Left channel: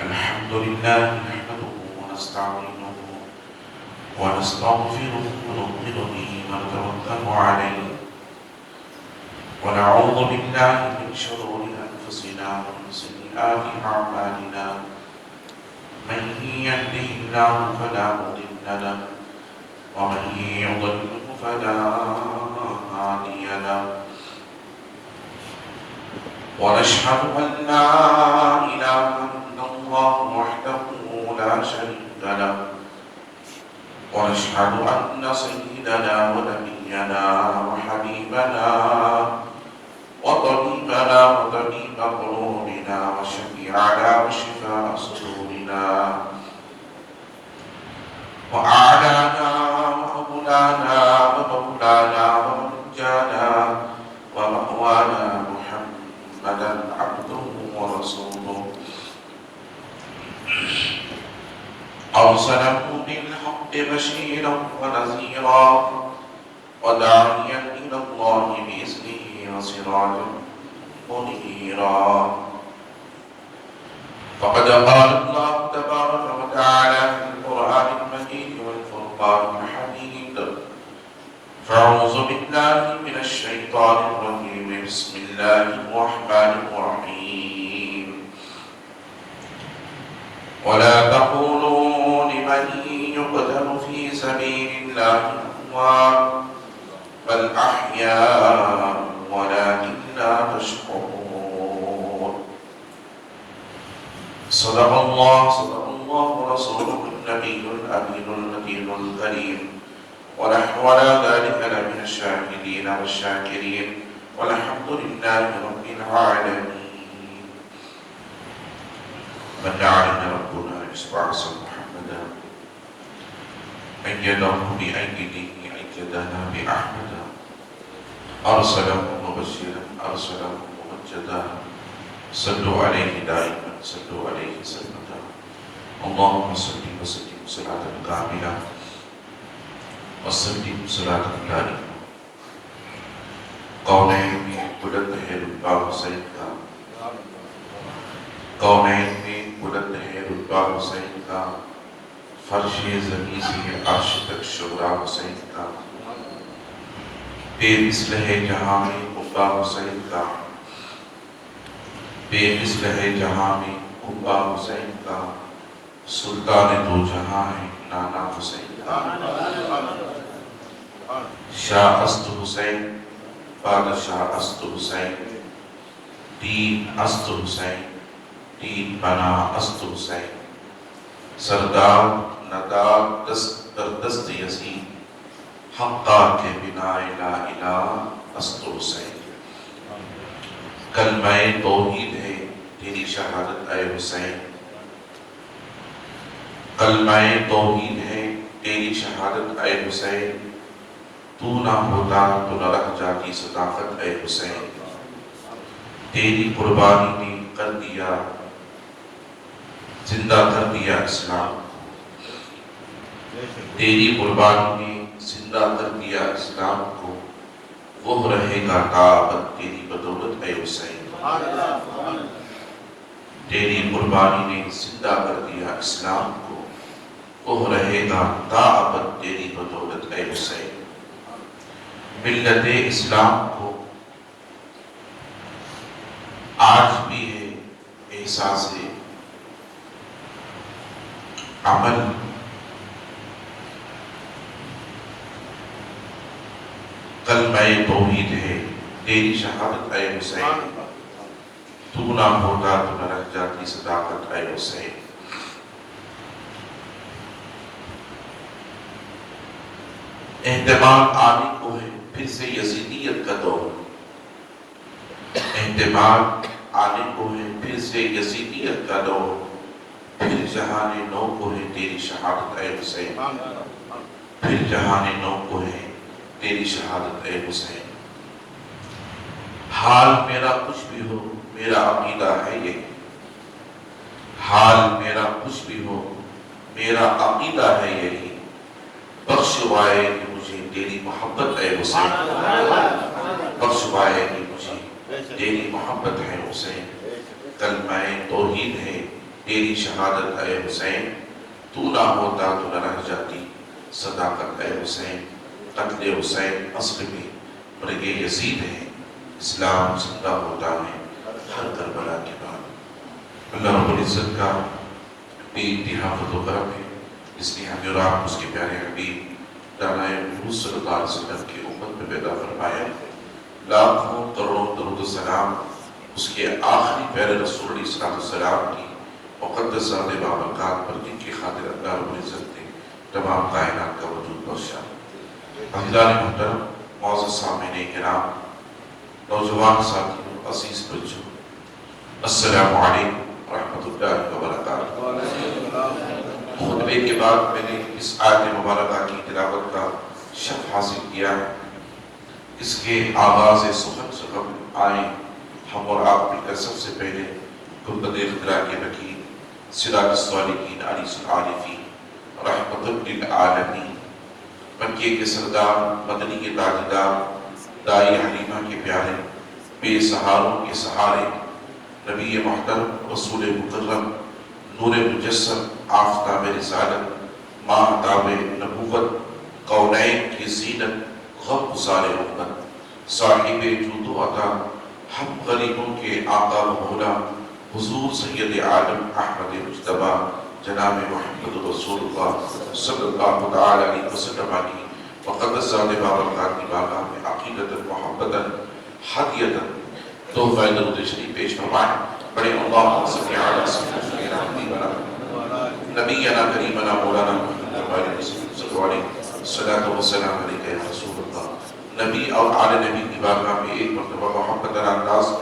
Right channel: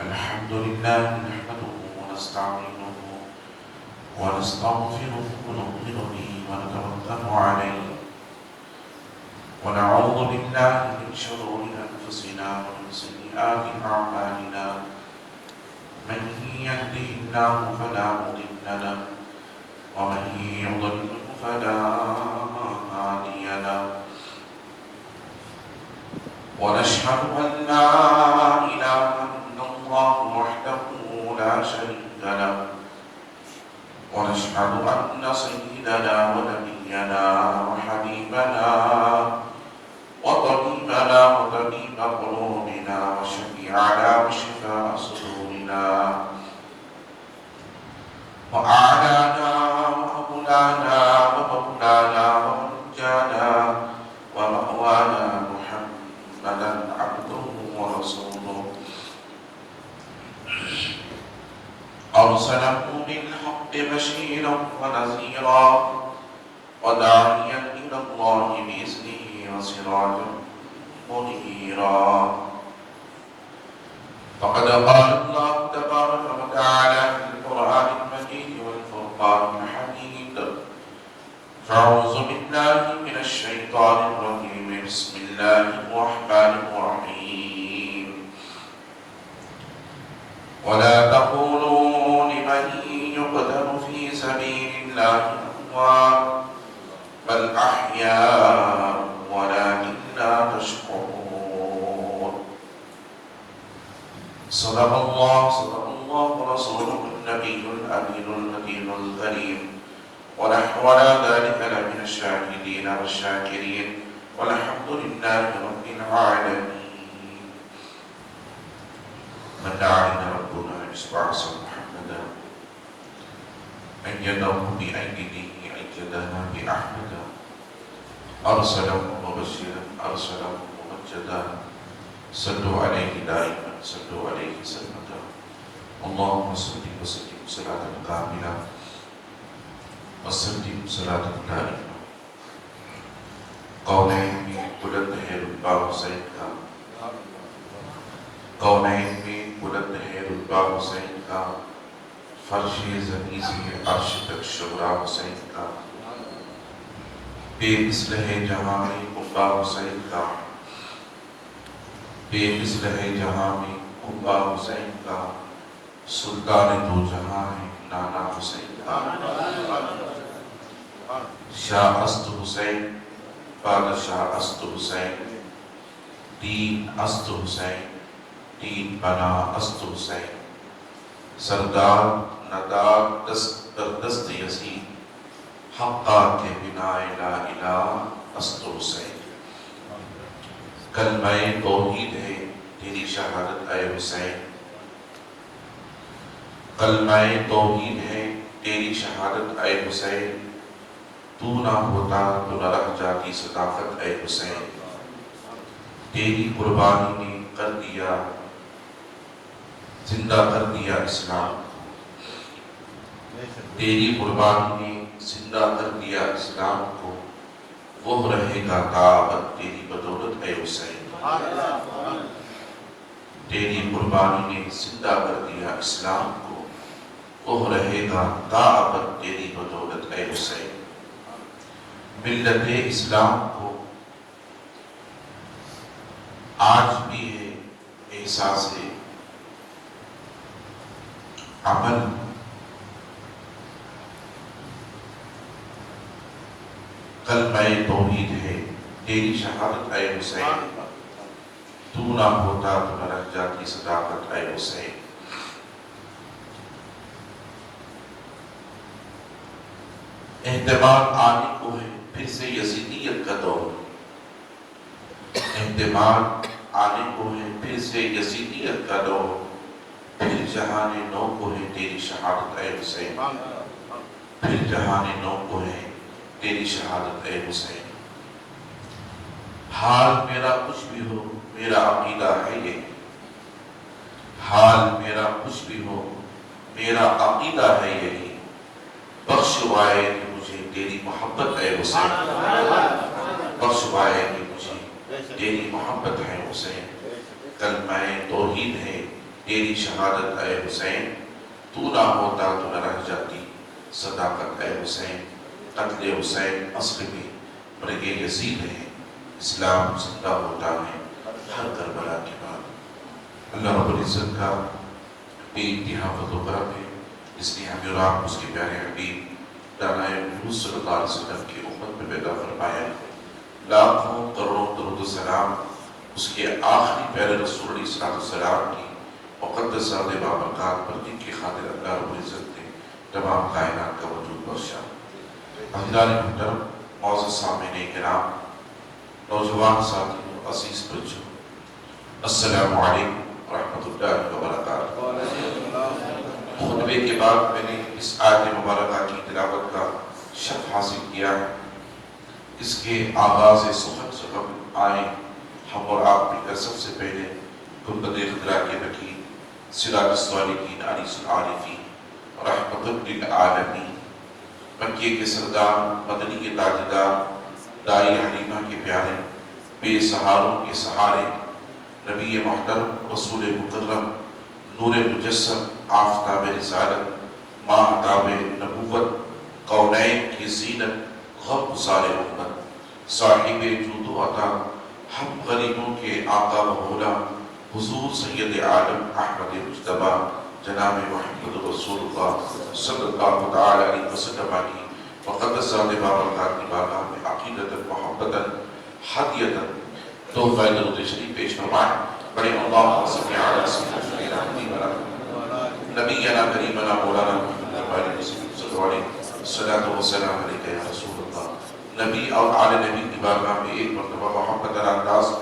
الحمد لله نحمده ونستعينه ونستغفره ونؤمن به ونتوكل عليه ونعوذ بالله من شرور أنفسنا ومن سيئات أعمالنا من يهده الله فلا مضل له ومن يضلل فلا هادي له ونشهد أن لا إله إلا الله وحده لا شريك له ونشهد أن سيدنا ونبينا وحبيبنا وطبيبنا وطبيب قلوبنا وشفيعنا وشفاء صدورنا وأعلانا ومولانا ومولانا ومنجانا ومأوانا محمدا عبده ورسوله أرسله بالحق بشيرا ونذيرا وداعيا إلى الله بإذنه وسراجا منيرا فقد قال الله تبارك وتعالى في القرآن المجيد والفرقان الحميد فأعوذ بالله من الشيطان الرجيم بسم الله الرحمن الرحيم ولا تقولوا لمن يقتل في سبيل الله أموات بل أحياء ولكن لا تشكرون صدق الله ورسوله النبي الأمين النبي الكريم ونحن على ذلك لمن الشاهدين والشاكرين والحمد لله رب العالمين من دعانا ربنا يسبع محمدا أيده بأيده أيدنا بأحمد أرسله مبشرا أرسله ممجدا صلوا عليه دائما صلوا عليه سلما اللهم صل وسلم صلاة كاملة وسلم صلاة دائمة کونین میں بلند ہے رتبہ حسین کا کونین میں بلند ہے رتبہ حسین کا فرش زمین سے عرش تک شعرا حسین کا بے مثل ہے جہاں میں قبہ حسین کا بے مثل ہے جہاں میں قبہ حسین کا سلطان دو جہاں ہے نانا حسین کا شاہ است حسین بادشاہ است حسین دین است حسین دین بنا است حسین سردار ندار دست در دست یزید حقا کے بنا لا الہ است حسین کلمہ توحید ہے تیری شہادت اے حسین کلمہ توحید ہے تیری شہادت اے حسین تو نہ ہوتا تو نہ رہ جاتی صداقت اے حسین تیری قربانی نے کر دیا زندہ کر دیا اسلام تیری قربانی نے زندہ کر دیا اسلام کو وہ رہے گا قابت تیری بدولت اے حسین تیری قربانی نے زندہ کر دیا اسلام کو وہ رہے گا قابت تیری بدولت اے حسین ملت اسلام کو آج بھی ہے احساس عمل کلمہ توحید ہے تیری شہادت اے حسین تو نہ ہوتا تو نہ رہ جاتی صداقت اے حسین احتمال آنے کو ہے پھر سے یزیدیت کا دور احتمال آنے کو ہے پھر سے یزیدیت کا دور پھر جہان نو کو ہے تیری شہادت اے حسین پھر جہان نو کو ہے تیری شہادت اے حسین حال میرا کچھ بھی ہو میرا عقیدہ ہے یہ حال میرا کچھ بھی ہو میرا عقیدہ ہے یہی بخشوائے مجھے تیری محبت ہے حسین بخشوائے مجھے تیری محبت ہے حسین کلمہ توحید ہے تیری شہادت اے حسین، تو نہ ہوتا تو نہ رہ جاتی صداقت اے حسین، قتل حسین اصل میں اور یہ یزید ہے، اسلام زندہ ہوتا ہے ہر کربلا کے بعد۔ اللہ رب العزت کا بے انتہا فضل و کرم ہے، اس لیے ہمیں اور آپ اس کے پیارے حبیب دانا محمد صلی اللہ علیہ وسلم کی امت میں پیدا فرمایا۔ لاکھوں کروڑوں درود و سلام اس کے آخری پیارے رسول علیہ السلام کی مقدس ذات بابرکات پر، جن کی خاطر اللہ رب العزت نے تمام کائنات کا وجود بخشا۔ حضرات محترم، معزز سامعین کرام، نوجوان ساتھیوں، عزیز بچوں، السلام علیکم ورحمۃ اللہ وبرکاتہ۔ خطبے کے بعد میں نے اس آیت مبارکہ کی تلاوت کا شرف حاصل کیا ہے۔ اس کے آغاز سخن سے قبل آئیں ہم اور آپ مل کر سب سے پہلے گنبد خضرا کے رکیع سراج الصالحین انیس العارفین رحمۃ للعالمین، مکے کے سردار، مدنی کے تاجدار، دائی حلیمہ کے پیارے، بے سہاروں کے سہارے، نبی محترم، رسول مکرم، نور مجسم، آفتاب رسالت، ماہتاب نبوت، کونین کی زینت، غم گسار امت، صاحب جود و عطا، ہم غریبوں کے آقا و مولا، حضور سید عالم احمد مجتبیٰ جناب محمد رسول اللہ صلی اللہ تعالی علیہ وسلم کی مقدس ذات بابرکات کی بارگاہ میں عقیدتاً، محبتاً، ہدیتاً تحفہ درود شریف پیش فرمائیں۔ بڑے اللہم صلی علی سیدنا نبینا کریمنا مولانا محمد وعلیہ صلی اللہ علیہ الصلاۃ والسلام علیک یا رسول اللہ۔ نبی اور آل نبی کی بارگاہ میں ایک مرتبہ محبت انداز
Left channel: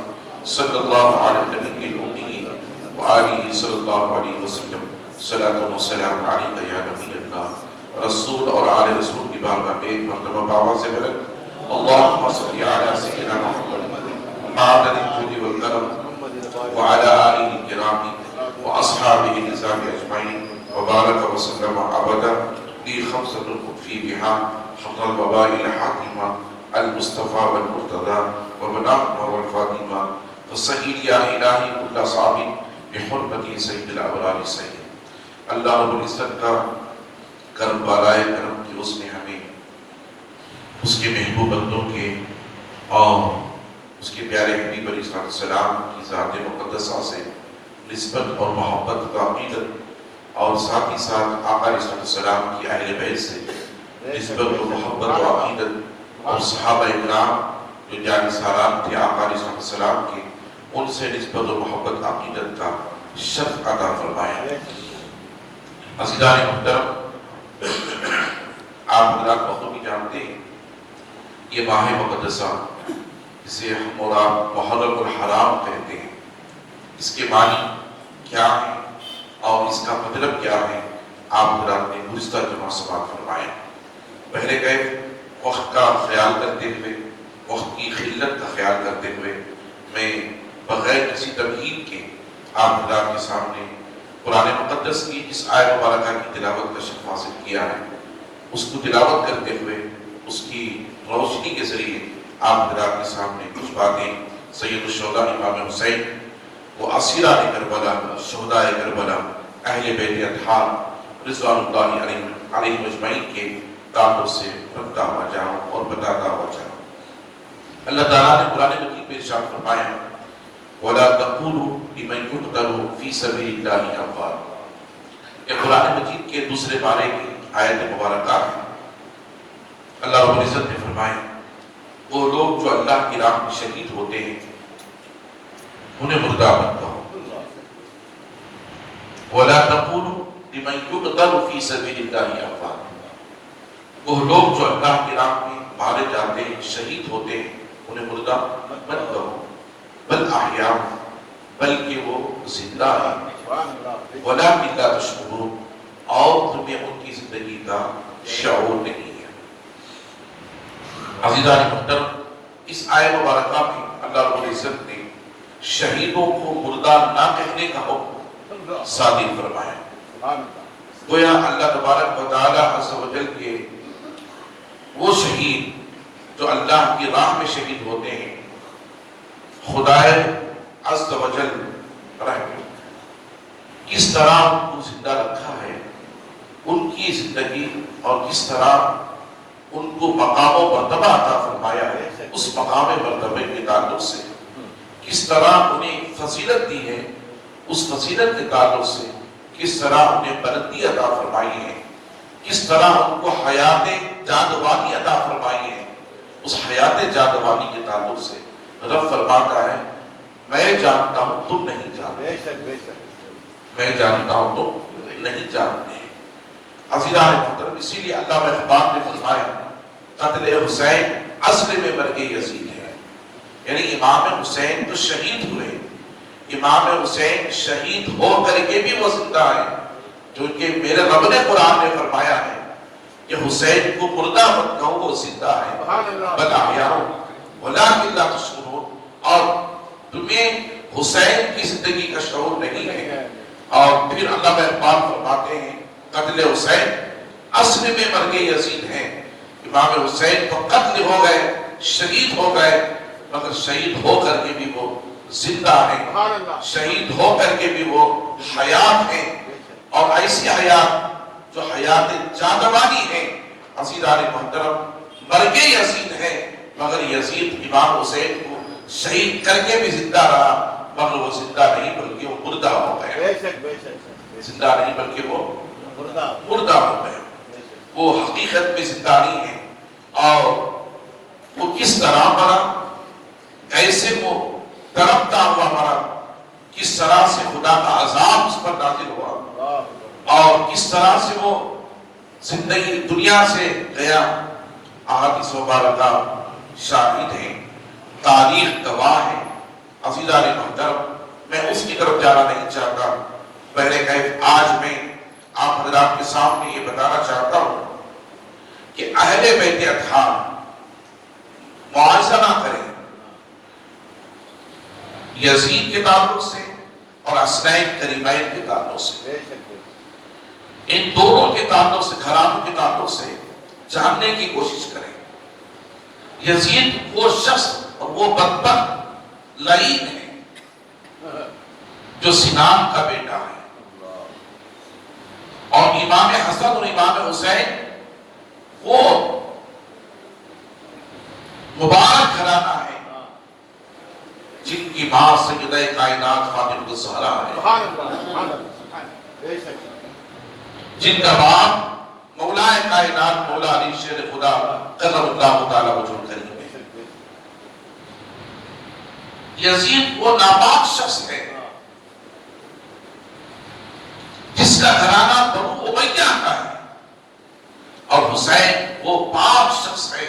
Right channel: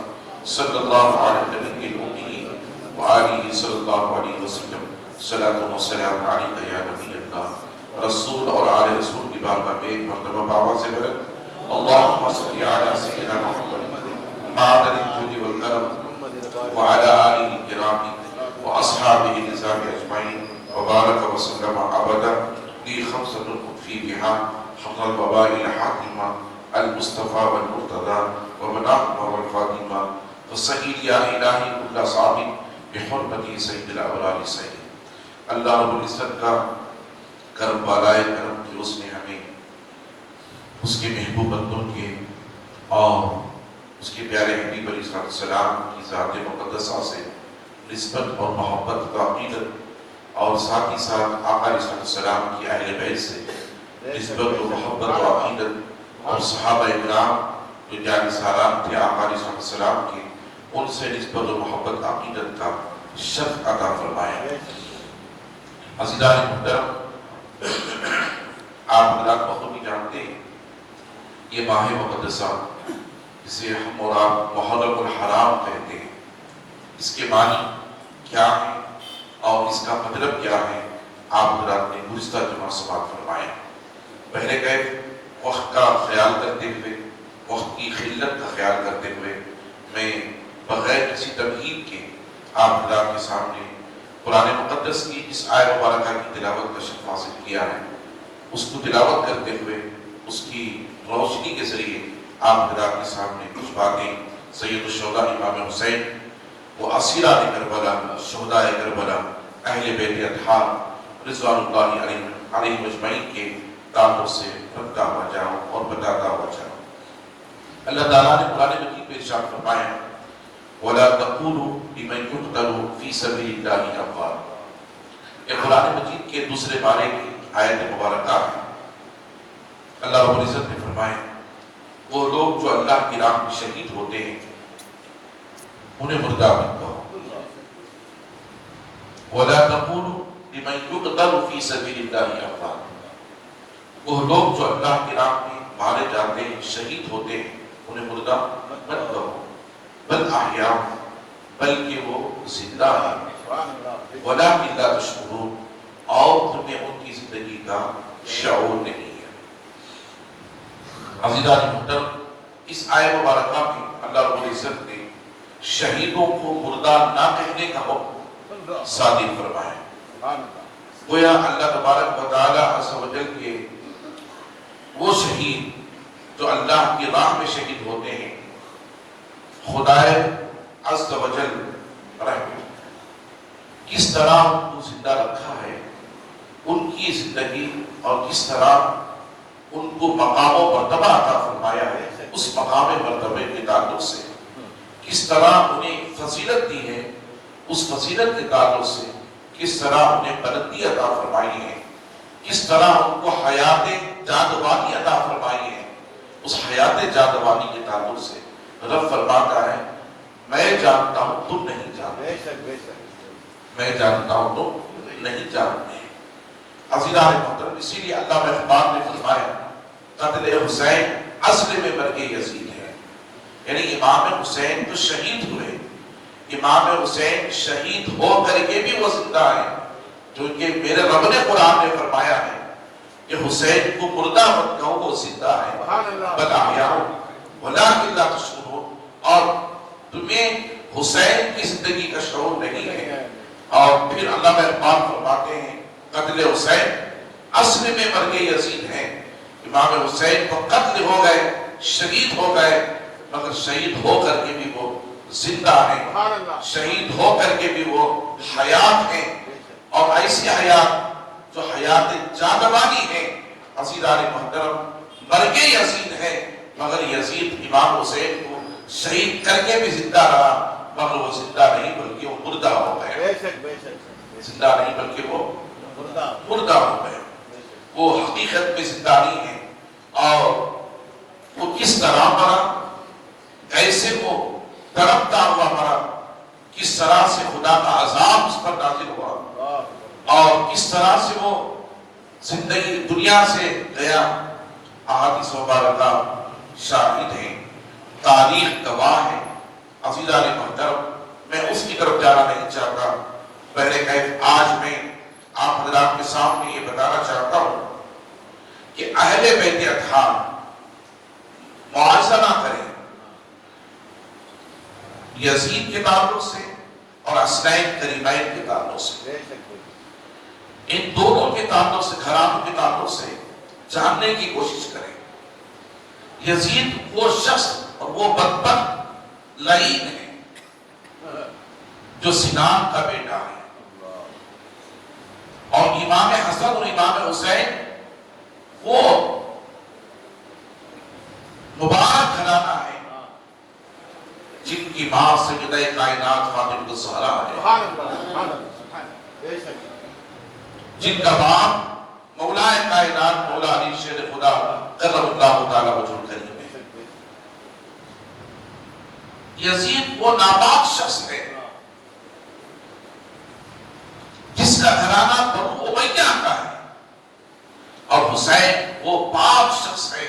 صلی اللہ علیہ نبی الامی وآلہ صلی اللہ علیہ وسلم، صلاۃ والسلام علیک یا نبی اللہ۔ رسول اور آل رسول کی بارگاہ میں ایک مرتبہ بابا سے بلند اللہم صلی علی سیدنا محمد معدن الجود والکرم وعلی آلہ الکرام واصحابہ النظام اجمعین وبارک وسلم ابدا لی خمسۃ فی بہا حق الوباء الحاتمہ المصطفى والمرتضى ومناقب والفاطمہ فصحیح یا الہی کل صابر بحرمت سید الابرار سید۔ اللہ رب العزت کا کرم بالائے کرم کہ اس نے ہمیں اس کے محبوب بندوں کے اور اس کے پیارے حبیب علیہ السلام کی ذات مقدسہ سے نسبت اور محبت کا عقیدت، اور ساتھ ہی ساتھ آقا علیہ السلام کی اہل بیت سے نسبت و محبت و عقیدت، اور صحابہ اکرام جو جان سالار تھے آقا علیہ السلام کے، ان سے نسبت و محبت عقیدت کا شرف عطا فرمایا۔ عزیزان محترم، آپ حضرات بخوبی جانتے ہیں یہ ماہ مقدسہ جسے ہم اور آپ محرم الحرام کہتے ہیں، اس کے معنی کیا ہے اور اس کا مطلب کیا ہے، آپ حضرات نے گزشتہ جمعہ سماعت فرمائے۔ پہلے گئے وقت کا خیال کرتے ہوئے، وقت کی خلت کا خیال کرتے ہوئے، میں بغیر کسی تمہید کے آپ حضرات کے سامنے قرآن مقدس کی اس آیت مبارکہ کی تلاوت کا شرف حاصل کیا ہے۔ اس کو تلاوت کرتے ہوئے اس کی روشنی کے ذریعے آپ حضرات کے سامنے کچھ باتیں سید الشہداء امام حسین و اسیران کربلا، شہداء کربلا، اہل بیت اطہار رضوان اللہ علیہ اجمعین کے تعبر سے پڑھتا ہوا جاؤں اور بتاتا ہوا جاؤں۔ اللہ تعالیٰ نے قرآن مجید میں ارشاد فرمایا وَلَا تَقُولُوا لِمَنْ يُقْتَلُ فِي سَبِيلِ اللَّهِ أَمْوَاتٌ۔ یہ قرآن مجید کے دوسرے بارے کی آیت مبارکہ ہے۔ اللہ رب العزت نے فرمایا وہ لوگ جو اللہ کی راہ میں شہید ہوتے ہیں انہیں مردہ مت کہو۔ وَلَا تَقُولُوا لِمَنْ يُقْتَلُ فِي سَبِيلِ اللَّهِ أَمْوَاتٌ۔ وہ لوگ جو اللہ کی راہ میں مارے جاتے ہیں، شہید ہوتے ہیں، انہیں مردہ مت کہو، بل احیاء، بلکہ وہ زندہ ہیں، وَلَٰكِن لَا تَشْعُرُونَ، اور تمہیں ان کی زندگی کا شعور نہیں ہے۔ عزیزان محترم، اس آیت مبارکہ میں اللہ رب العزت نے شہیدوں کو مردہ نہ کہنے کا حکم صادر فرمایا۔ گویا اللہ تبارک و تعالی عز و جل کے وہ شہید جو اللہ کی راہ میں شہید ہوتے ہیں، خدائے عز و جل کس طرح ان کو زندہ رکھا ہے، ان کی زندگی اور کس طرح ان کو مقام و مرتبہ عطا فرمایا ہے، اس مقام مرتبے کے تعلق سے کس طرح انہیں فضیلت دی ہے، اس فضیلت کے تعلق سے کس طرح انہیں بلندی عطا فرمائی ہے، کس طرح ان کو حیات جاودانی عطا فرمائی ہے، اس حیات جاودانی کے تعلق سے رب فرماتا ہے میں جانتا ہوں تم نہیں جانتے، میں جانتا ہوں تم نہیں جانتے۔ عزیزان محترم، اسی لیے علامہ اقبال نے فرمایا قتل حسین اصل میں مرگ یزید ہے، یعنی امام حسین تو شہید ہوئے، امام حسین شہید ہو کر کے بھی وہ زندہ ہے، کیونکہ میرے رب نے قرآن میں فرمایا ہے کہ حسین کو مردہ مت کہو، وہ زندہ ہے، بل احیاء ولکن لا تشعرون، اور تمہیں حسین کی زندگی کا شعور نہیں ہے۔ اور پھر علامہ اقبال فرماتے ہیں قتل حسین اصل میں مرگ یزید ہے، امام حسین تو قتل ہو گئے، شہید ہو گئے، مگر شہید ہو کر کے بھی وہ زندہ ہیں، شہید ہو کر کے بھی وہ حیات ہیں، اور ایسی حیات جو حیات جاودانی ہے۔ عزیزان محترم، مرگ یزید ہے مگر یزید امام حسین کو شہید کر کے بھی زندہ رہا، مگر وہ زندہ نہیں بلکہ وہ مردہ ہو گئے، زندہ نہیں بلکہ وہ مردہ ہو گئے، وہ حقیقت میں زندہ نہیں ہے۔ اور وہ کس طرح مرا، کیسے وہ تڑپتا ہوا مرا، کس طرح سے خدا کا عذاب اس پر نازل ہوا، اور کس طرح سے وہ زندگی دنیا سے گیا، احادیث مبارکہ شاہد ہیں، تاریخ گواہ ہے۔ عزیزان محترم، میں اس کی طرف جانا نہیں چاہتا، پہلے کہ آج میں آپ حضرات کے سامنے یہ بتانا چاہتا ہوں کہ اہل بیت اطہار موازنہ کریں یزید کے تعلق سے اور حسنین کریمین کے تعلق سے، ان دونوں کے تعلق سے، گھرانوں کے تعلق سے جاننے کی کوشش کریں۔ یزید وہ شخص اور وہ بدبخت لعین ہے جو سنان کا بیٹا ہے، اور امام حسن اور امام حسین وہ مبارک گھرانہ ہے جن کی ماں سیدہ کائنات فاطمہ الزہرا ہے، جن کا باپ مولا کائنات مولا علی شیر خدا قدر اللہ تعالی وجہ کریم ہے۔ یزید وہ ناپاک شخص ہے جس کا گھرانہ بنو امیہ کا ہے، اور حسین وہ پاک شخص ہے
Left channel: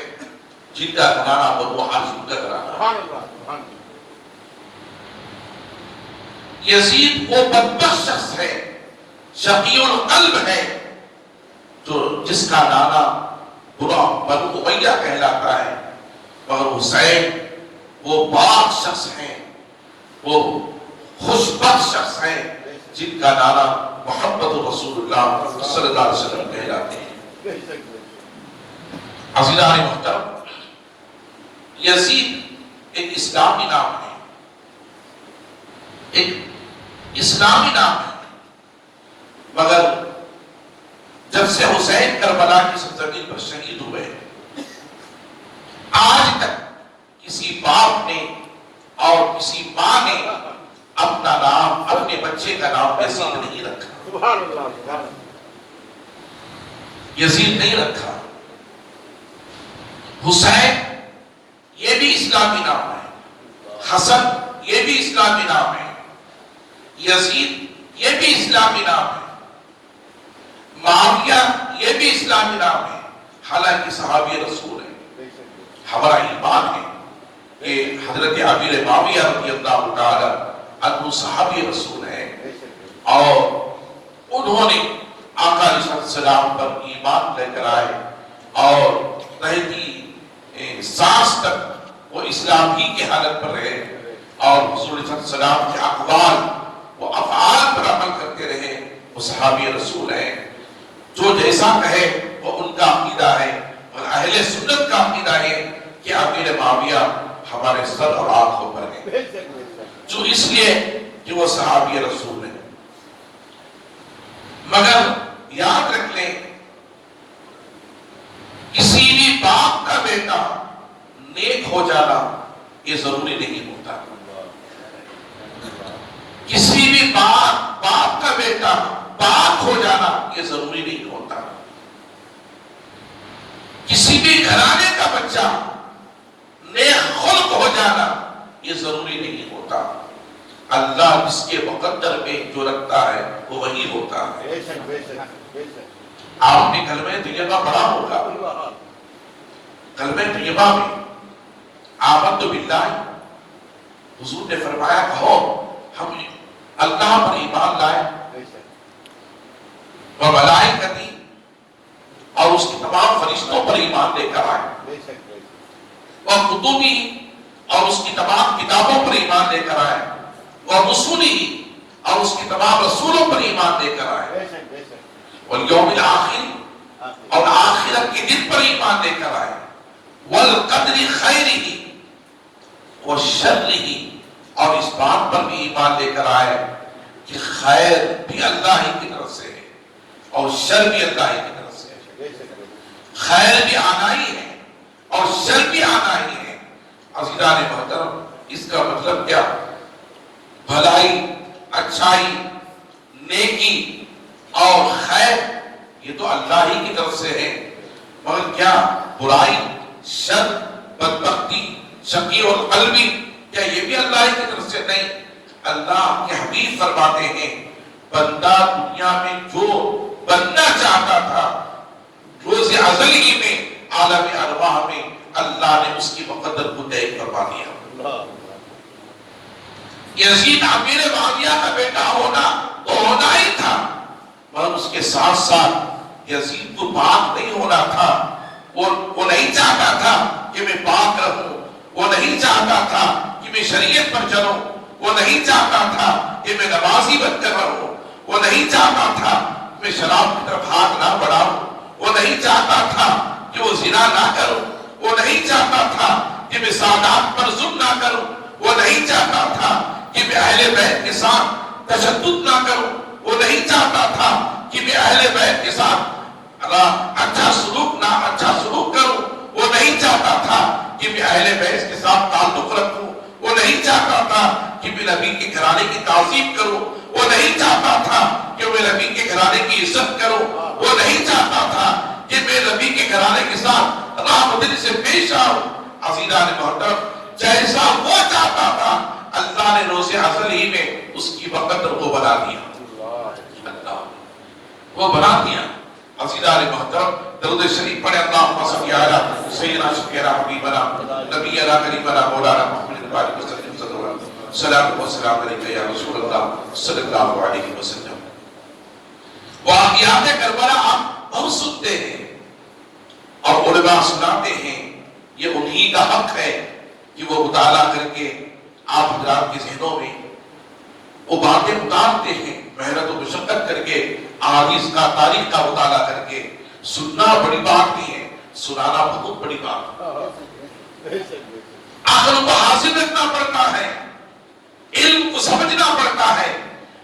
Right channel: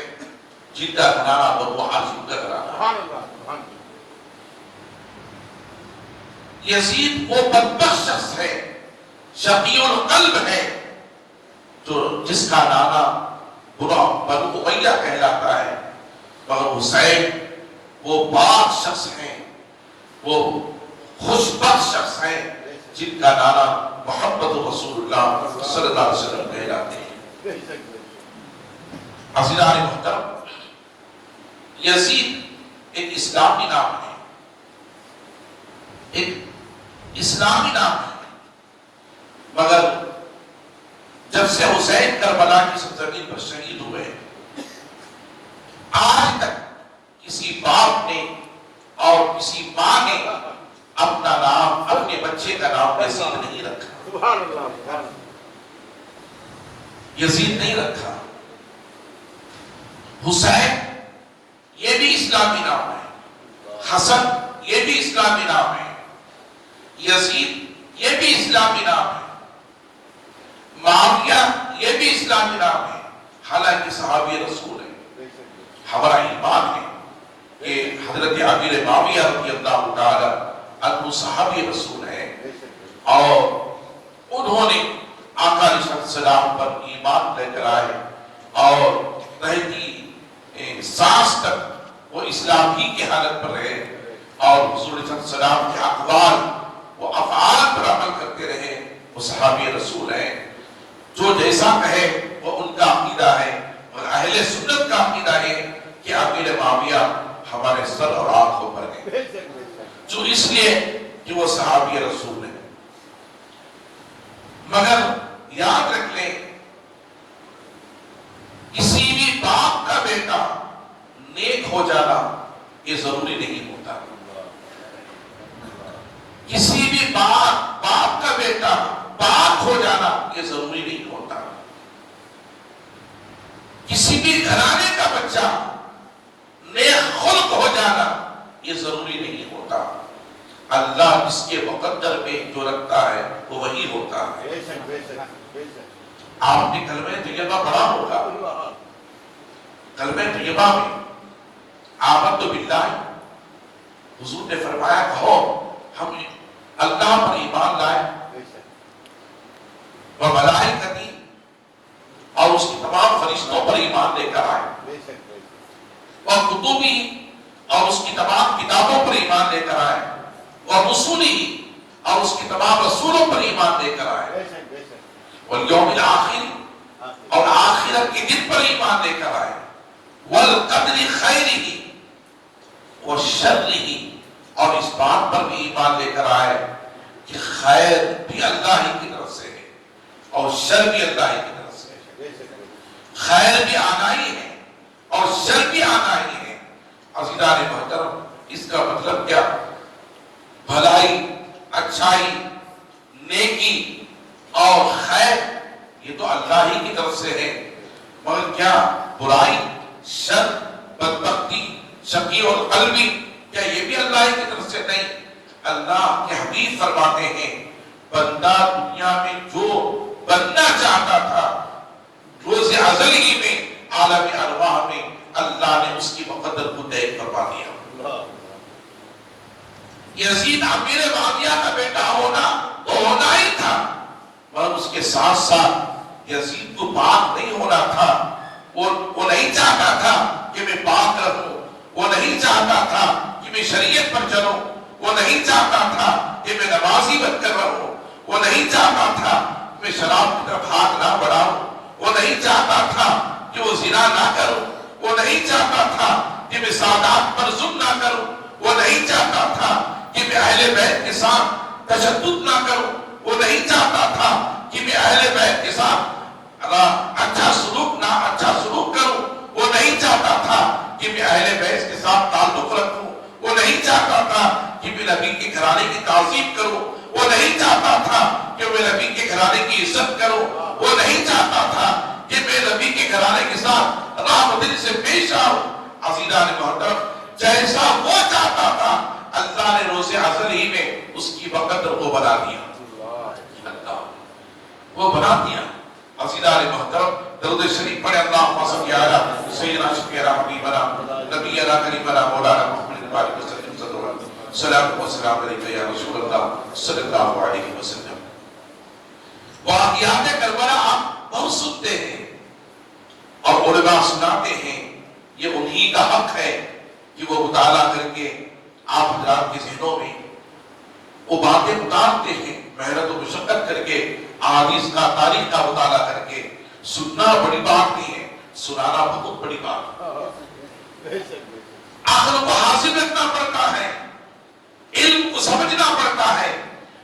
جن کا گھرانہ بنو ہاشم کا گھرانہ۔ یزید وہ بدبخت شخص ہے، شقی القلب ہے، جو جس کا نانا بنو امیہ کہلاتا ہے، مگر حسین وہ پاک شخص ہے، وہ خوشبخت شخص ہے جن کا نانا محمد رسول اللہ صلی اللہ علیہ وسلم کہلاتے ہیں۔ عزیزان محترم، یزید ایک اسلامی نام ہے، ایک اسلامی نام ہے، مگر جب سے حسین کربلا کی سرزمین پر شہید ہوئے، آج تک کسی باپ نے اور کسی ماں نے اپنا نام، اپنے بچے کا نام یزید نہیں رکھا، یزید نہیں رکھا۔ حسین یہ بھی اسلامی نام ہے، حسن یہ بھی اسلامی نام ہے، یزید یہ بھی اسلامی نام ہے، معاویہ یہ بھی اسلامی نام ہے، حالانکہ صحابی رسول ہے۔ ہمارا ایمان ہے کہ حضرت امیر معاویہ رضی اللہ تعالی عنہ صحابی رسول ہے، اور انہوں نے آقا علیہ الصلوۃ والسلام پر ایمان لے کر آئے، اور رہتی سانس تک وہ اسلام ہی کی حالت پر رہے، اور حضور علیہ السلام کے اقوال وہ افعال پر عمل کرتے رہے۔ وہ صحابی رسول ہیں، جو جیسا کہے وہ ان کا عقیدہ ہے، اور اہل سنت کا عقیدہ ہے کہ امیر معاویہ ہمارے سر اور آنکھوں پر ہے، جو اس لیے کہ وہ صحابی رسول ہے۔ مگر یاد رکھ لیں کسی بھی باپ کا بیٹا نیک ہو جانا یہ ضروری نہیں ہوتا. کسی بھی باپ کا بیٹا پاک ہو جانا یہ ضروری نہیں ہوتا. کسی بھی گھرانے کا بچہ نیک خلق ہو جانا یہ ضروری نہیں ہوتا. اللہ اس کے مقدر میں جو رکھتا ہے وہ وہی ہوتا ہے. آپ نے کلمہ طیبہ پڑھا ہوگا. کلمہ طیبہ میں آمنت باللہ حضور نے فرمایا کہو ہم اللہ پر ایمان لائے و ملائکتی اور اس کی تمام فرشتوں پر ایمان لے کر آئے اور کتبی اور اس کی تمام کتابوں پر ایمان لے کر آئے اور رسولی اور اس کی تمام رسولوں پر ایمان لے کر آئے اور یوم الآخر اور آخرت کے دن پر ایمان لے کر آئے والقدر خیرہ وشرہ اور اس بات پر بھی ایمان لے کر آئے کہ خیر بھی اللہ ہی کی طرف سے ہے اور شر بھی اللہ ہی کی طرف سے ہے. خیر بھی آنا ہی ہے اور شر بھی آنا ہی ہے. عزیزان محترم اس کا مطلب کیا؟ بھلائی، اچھائی، نیکی اور خیر یہ تو اللہ ہی کی طرف سے ہے. مگر کیا برائی، شر، بدبختی، شقی اور قلبی کیا یہ بھی اللہ ہی کی طرف سے نہیں؟ اللہ کے حبیب فرماتے ہیں بندہ دنیا میں جو بننا چاہتا تھا روز ازل ہی میں عالم ارواح میں اللہ نے اس کی مقدر کو طے کروا دیا. یزید امیر معاویہ کا بیٹا ہونا تو ہونا ہی تھا مگر اس کے ساتھ ساتھ یزید کو پاک نہیں ہونا تھا. وہ نہیں چاہتا تھا کہ میں پاک رہوں. وہ نہیں چاہتا تھا کہ میں شریعت پر چلوں. وہ نہیں چاہتا تھا کہ میں نمازی بن کر رہوں. وہ نہیں چاہتا تھا کہ میں شراب کی طرف ہاتھ نہ بڑھاؤں. وہ نہیں چاہتا تھا کہ وہ زنا نہ کروں. وہ نہیں چاہتا تھا کہ میں سادات پر ظلم نہ کروں. وہ نہیں چاہتا تھا کہ میں اہل بیت کے ساتھ تشدد نہ کروں. وہ نہیں چاہتا تھا کہ میں اہل بیت کے ساتھ اچھا سلوک کروں. وہ نہیں چاہتا تھا کہ میں اہل بیت کے ساتھ تعلق رکھوں. وہ نہیں چاہتا تھا کہ میں نبی کے گھرانے کی تعظیم کروں. وہ نہیں چاہتا تھا کہ میں نبی کے گھرانے کی عزت کروں. وہ نہیں چاہتا تھا کہ میں نبی کے گھرانے کے ساتھ راہ دل سے پیش آؤں. عزیزان محترم جیسا وہ چاہتا تھا اللہ نے روز ازل ہی میں اس کی مقدر کو بنا دیا. وہ بنا دیا. عزیزان محترم درود شریف پڑھے اللہم صلی علی سیدنا شفیعنا حبیبنا نبینا کریمنا مولانا محمد علیہ وسلم سلام و سلام علیکہ یا رسول اللہ صلی اللہ علیہ وسلم. واقعات کربلا آپ بہت سنتے ہیں اور علماء سناتے ہیں. یہ انہی کا حق ہے کہ وہ مطالعہ کر کے آپ حضرات کے ذہنوں میں وہ باتیں اتارتے ہیں. محنت و مشقت کر کے احادیث کا تاریخ کا مطالعہ کر کے سننا بڑی بات نہیں ہے، سنانا بہت بڑی بات ہے. عقل کو حاصل رکھنا پڑتا ہے، علم کو سمجھنا پڑتا ہے،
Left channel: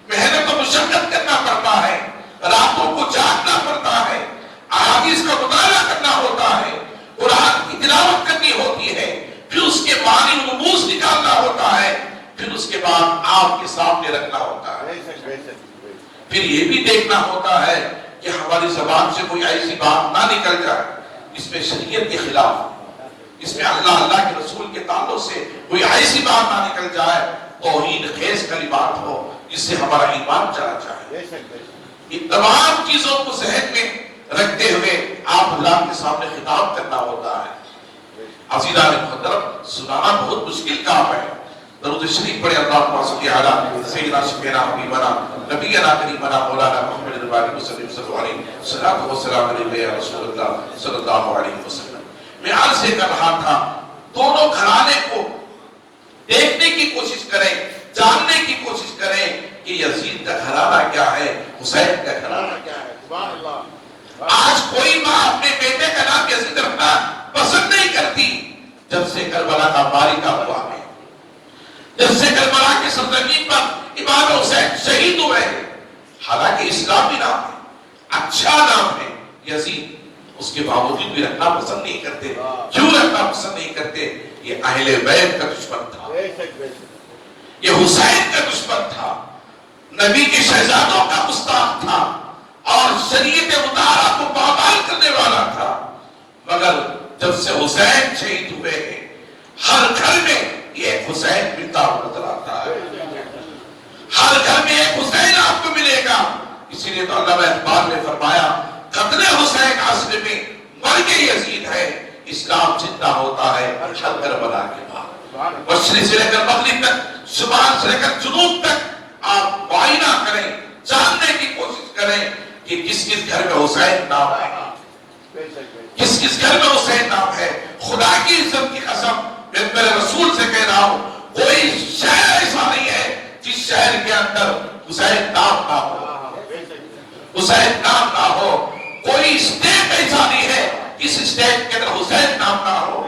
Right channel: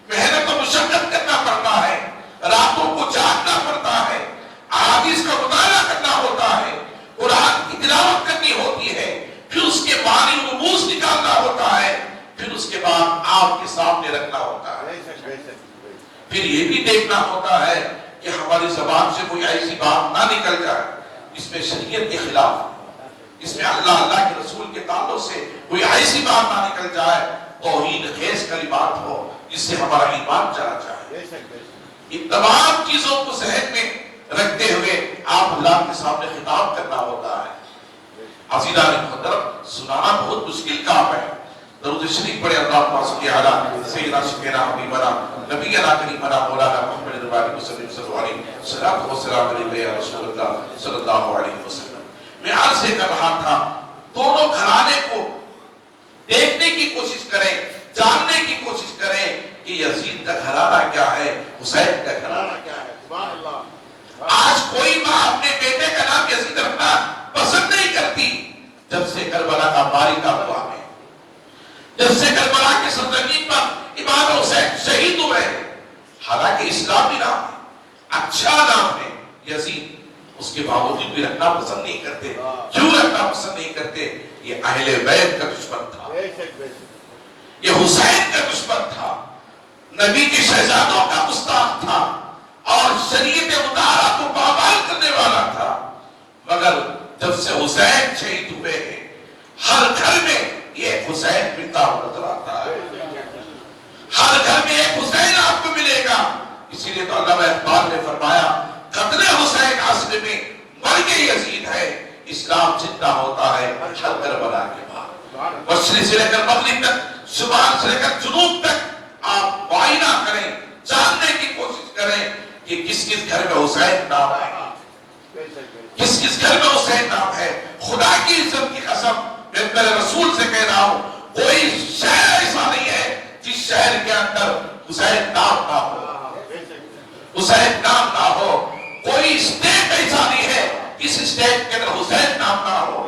محنت و مشقت کرنا پڑتا ہے، راتوں کو جاگنا پڑتا ہے، احادیث کا مطالعہ کرنا ہوتا ہے، قرآن کی تلاوت کرنی ہوتی ہے، پھر اس کے معنی رموز نکالنا ہوتا ہے، پھر اس کے بعد آپ کے سامنے رکھنا ہوتا ہے. پھر یہ بھی دیکھنا ہوتا ہے کہ ہماری زبان سے کوئی ایسی بات نہ نکل جائے اس میں شریعت کے خلاف، اس میں اللہ کے رسول کے تعلق سے کوئی ایسی بات نہ نکل جائے توہین خیز کلمات ہو جس سے ہمارا ایمان چلا جائے. ان تمام چیزوں کو ذہن میں رکھتے ہوئے آپ اللہ کے سامنے خطاب کرنا ہوتا ہے. عزیزان محترم سنانا بہت مشکل کام ہے. درود شریف پڑھے اللہم صلی علی سیدنا شفیعنا حبیبنا نبینا کریمنا مولانا محمد علیہ وسلم سلام علیکہ یا رسول اللہ صلی اللہ علیہ وسلم. میں عرض سے کر رہا تھا دونوں گھرانے کو دیکھنے کی کوشش کریں، جاننے کی کوشش کریں کہ یزید کا گھرانہ کیا ہے، حسین کا گھرانہ کیا ہے. سبحان اللہ. آج کوئی ماں اپنے بیٹے کا نام یزید رکھنا پسند نہیں کرتی جب سے کربلا کا مارکہ ہوا ہے، جب سے کربلا کی سرزمین پر امام حسین شہید ہوئے. حالانکہ اسلامی نام ہے، اچھا نام ہے یزید، اس کے باوجود بھی رکھنا پسند نہیں کرتے. کیوں رکھنا پسند نہیں کرتے؟ یہ اہل بیت کا دشمن تھا، یہ حسین کا دشمن تھا، نبی کے شہزادوں کا گستاخ تھا اور شریعت مطہرہ کو پامال کرنے والا تھا. مگر جب سے حسین شہید ہوئے ہیں ہر گھر میں یہ حسین ملتا ہوا نظر آتا ہے. ہر گھر میں ایک حسین آپ کو ملے گا. اسی لیے تو علامہ اقبال نے فرمایا قتل حسین عصر میں مرگ یزید ہے، اسلام زندہ ہوتا ہے ہر کربلا کے بعد. مشرق سے لے کر مغرب تک، شمال سے لے کر جنوب تک آپ معائنہ کریں، جاننے کی کوشش کریں کہ کس کس گھر میں حسین نام ہے، کس کس گھر میں حسین نام ہے. خدا کی عزت کی قسم میں میرے رسول سے کہہ رہا ہوں، کوئی شہر ایسا نہیں ہے جس شہر کے اندر حسین نام نہ ہو، حسین نام نہ ہو. کوئی اسٹیٹ ایسا نہیں ہے جس اسٹیٹ کے اندر حسین نام نہ ہو.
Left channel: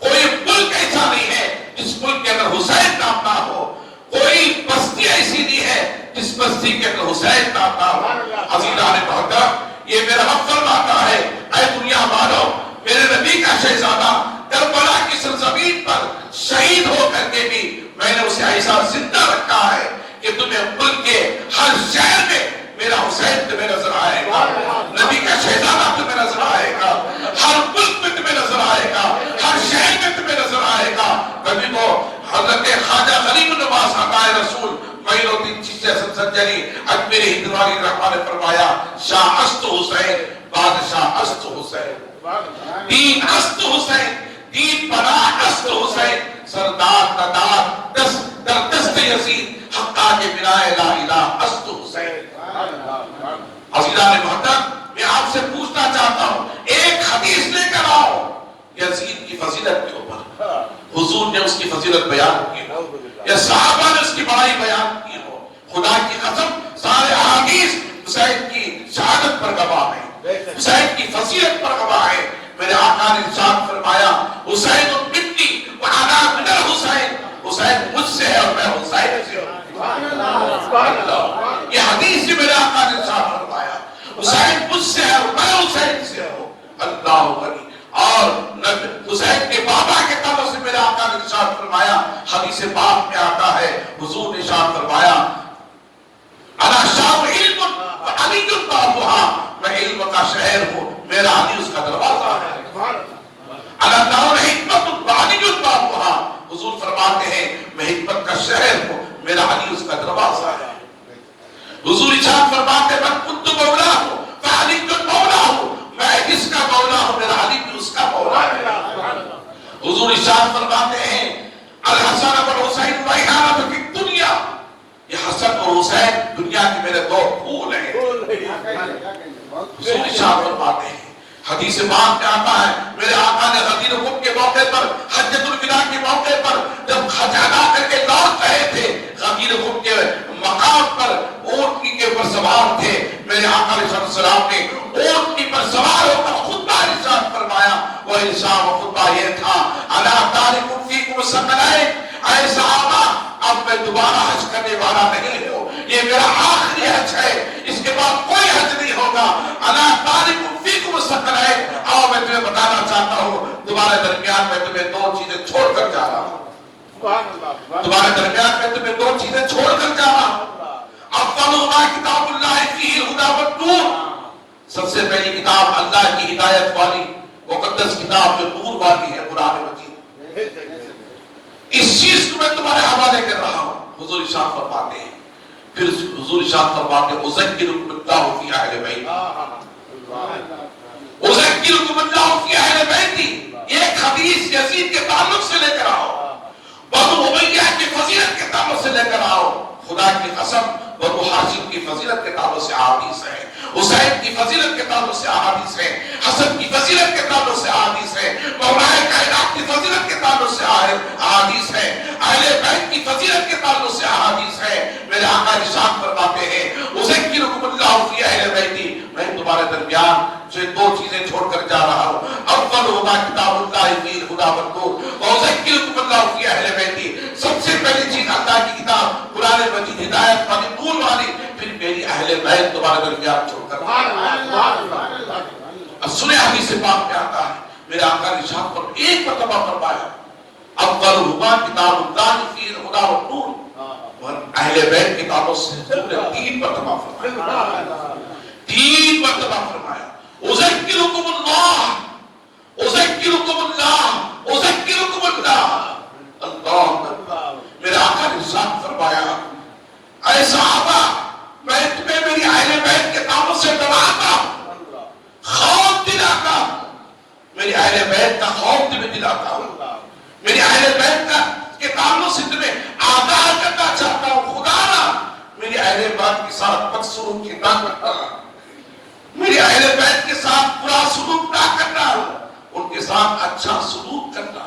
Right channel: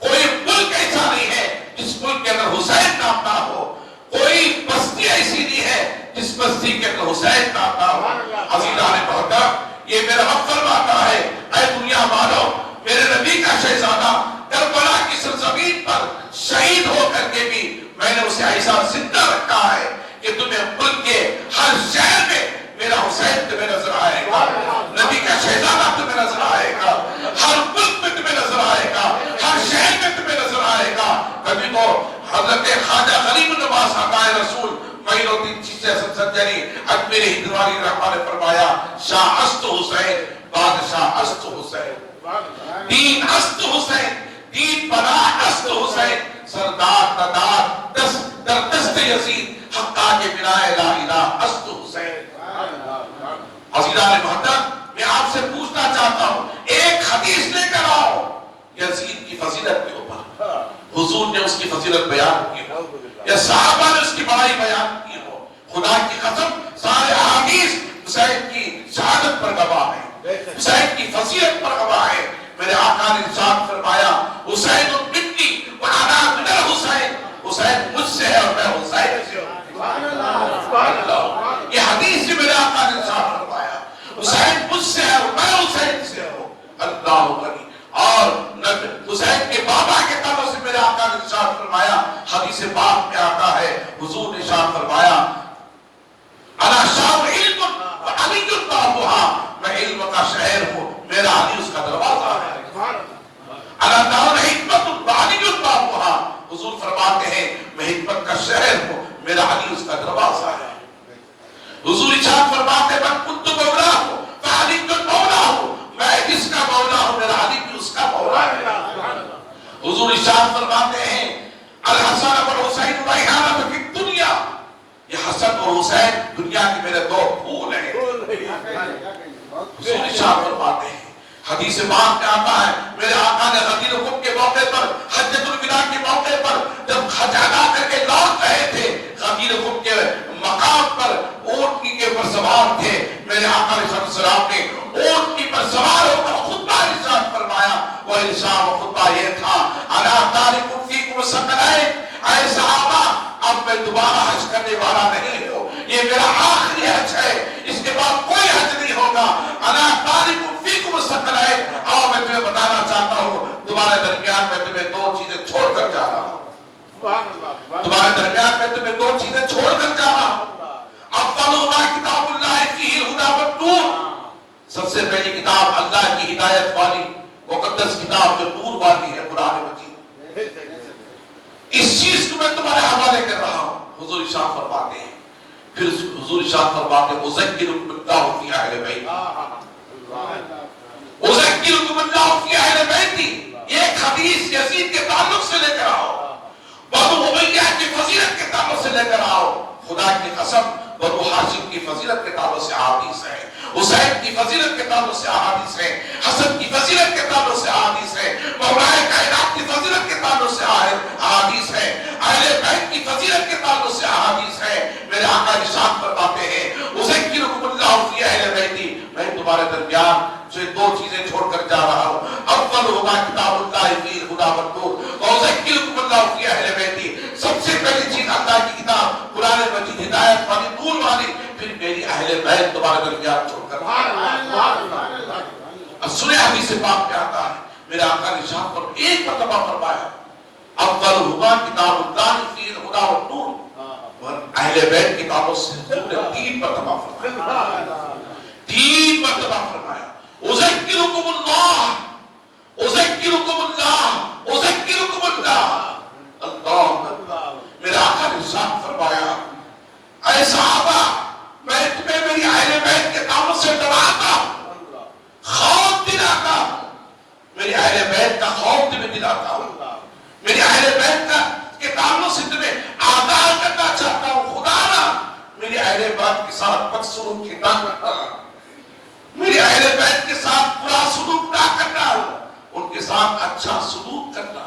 کوئی ملک ایسا نہیں ہے جس ملک کے اندر حسین نام نہ ہو. کوئی بستی ایسی نہیں ہے جس بستی کے اندر حسین نام نہ ہو. عزیزان محترم، یہ میرا رب فرماتا ہے اے دنیا والو، میرے نبی کا شہزادہ کربلا کی سرزمین پر شہید ہو کر کے بھی میں نے اسے ایسا زندہ رکھا ہے کہ تمہیں ملک کے ہر شہر میں میرا حسین تمہیں نظر آئے گا، نبی کا شہزادہ تمہیں نظر آئے گا، ہر ملک میں تمہیں نظر آئے گا، ہر شہر میں تمہیں نظر آئے گا. کبھی تو حضرت خواجہ غریب نواز عطائے رسول معین الدین چشتی حسن سنجری اجمیر ہندواری رحمہ نے فرمایا شاہ است حسین بادشاہ است حسین، دین است حسین، دین بنا است حسین، سردار تدار دست در دست یزید حقا کے بنائے لا الہ است حسین. عزیزان محترم، میں آپ سے پوچھنا چاہتا ہوں، ایک حدیث لے کر آؤ یزید کی فضیلت کے اوپر، حضور نے اس کی فضیلت بیان کی ہو یا صحابہ نے اس کی بڑائی بیان کی ہو. خدا کی قسم سارے احادیث حسین کی شہادت پر گواہ ہے، حسین کی فضیلت پر گواہ ہے. میرے آقا نے ارشاد فرمایا حسین منی وانا من الحسین، حسین مجھ سے ہے اور میں حسین سے ہوں. یہ حدیث سے میرے آقا نے ارشاد فرمایا حسین مجھ سے ہے اور میں حسین سے ہوں. اللہ علی. اور حسین کے بابا کے طرف سے میرے آقا نے ارشاد فرمایا، حدیث پاک میں آتا ہے حضور نے ارشاد فرمایا انا شام علم علی بابا، میں علم کا شہر ہوں، میرا علی اس کا دروازہ ہے. انا دار حکمت علی بابا، حضور فرماتے ہیں میں حکمت کا شہر ہوں، میرا علی اس کا دروازہ ہے. حضور ارشاد فرماتے ہیں میں کنت مولا ہوں فعلی مولا ہوں، میں کس کا مولا ہوں، میرا علی بھی اس کا مولا ہے. حضور ارشاد فرماتے ہیں الحسن والحسین ریحانۃ فی الدنیا، یہ حسن اور حسین دنیا کے میرے دو پھول ہیں. حضور ارشاد فرماتے ہیں حدیث پاک میں آتا ہے میرے آقا نے غدیر خم کے موقع پر حجۃ الوداع کے موقع پر جب حج ادا کر کے لوٹ رہے تھے، غدیر خم کے مقام پر اونٹنی کے اوپر سوار تھے. میرے آقا علیہ السلام نے اونٹنی پر سوار ہو کر خطبہ ارشاد فرمایا. وہ ارشاد و خطبہ یہ تھا الا تارک فیکم الثقلین، اے صحابہ اب میں دوبارہ حج کرنے والا نہیں ہوں، یہ میرا آخری حج ہے، اس کے بعد کوئی حج نہیں ہوگا. الا تارک فیکم الثقلین، اور میں تمہیں بتانا چاہتا ہوں تمہارے درمیان میں تمہیں دو چیزیں چھوڑ کر جا رہا ہوں، تمہارے درمیان میں تمہیں دو چیزیں چھوڑ کر جا رہا ہوں. افضل ما کتاب اللہ فیہ الہدی والنور، سب سے پہلی کتاب اللہ کی ہدایت والی مقدس کتاب جو نور والی ہے قرآن مجید. اس چیز کو میں تمہارے حوالے کر رہا ہوں. حضور ارشاد فرماتے ہیں، پھر حضور ارشاد فرماتے ہیں اذکرکم اللہ فی اہل بیتی، اذکرکم اللہ فی اہل بیتی. ایک حدیث یزید کے تعلق سے لے کر آؤ، بنو امیہ کی فضیلت کے تعلق سے لے کر آؤ. خدا کی قسم بنو ہاشم کی فضیلت کے تعلق سے احادیث ہے، حسین کی فضیلت کے تعلق سے احادیث ہے، حسن کی فضیلت کے تعلق سے احادیث ہے، مولا کائنات کی فضیلت کے تعلق سے احادیث ہے، اہل بیت کی فضیلت کے تعلق سے احادیث ہے. میرے آقا ارشاد فرماتے ہیں اذکرکم اللہ فی اہل بیتی، میں تمہارے درمیان جو دو چیزیں چھوڑ کر جا رہا ہوں، اول ہوگا کتاب اللہ فی الہدی والنور واذکرکم اللہ فی اہل بیتی. سب سے پہلی چیز اللہ کی کتاب قرآن مجید ہدایت والی نور والی، پھر میری اہل اہل بیت تمہارے درمیان چھوڑ کر سنے حدیث پاک میں آتا ہے میرے آقا نے ارشاد پر ایک مرتبہ فرمایا افضلہما کتاب اللہ فیہ الہدی والنور، اور اہل بیت کتابوں سے 3 مرتبہ فرمایا، 3 مرتبہ فرمایا اذکرکم اللہ اذکرکم اللہ اذکرکم اللہ۔ اللہ میرے آقا نے ارشاد فرمایا اے صحابہ میں تمہیں میری اہل بیت کے نام سے ڈراتا ہوں، خوف دلاتا ہوں، میری اہل بیت کا خوف تمہیں دلاتا ہوں، میری اہل بیت کا کے ناموں سے تمہیں آگاہ کرنا چاہتا ہوں۔ خدا نہ میری اہل بیت کے ساتھ بد سلوک کی نہ کرنا، میری اہل بیت کے ساتھ برا سلوک نہ کرنا، ان کے ساتھ اچھا سلوک کرنا،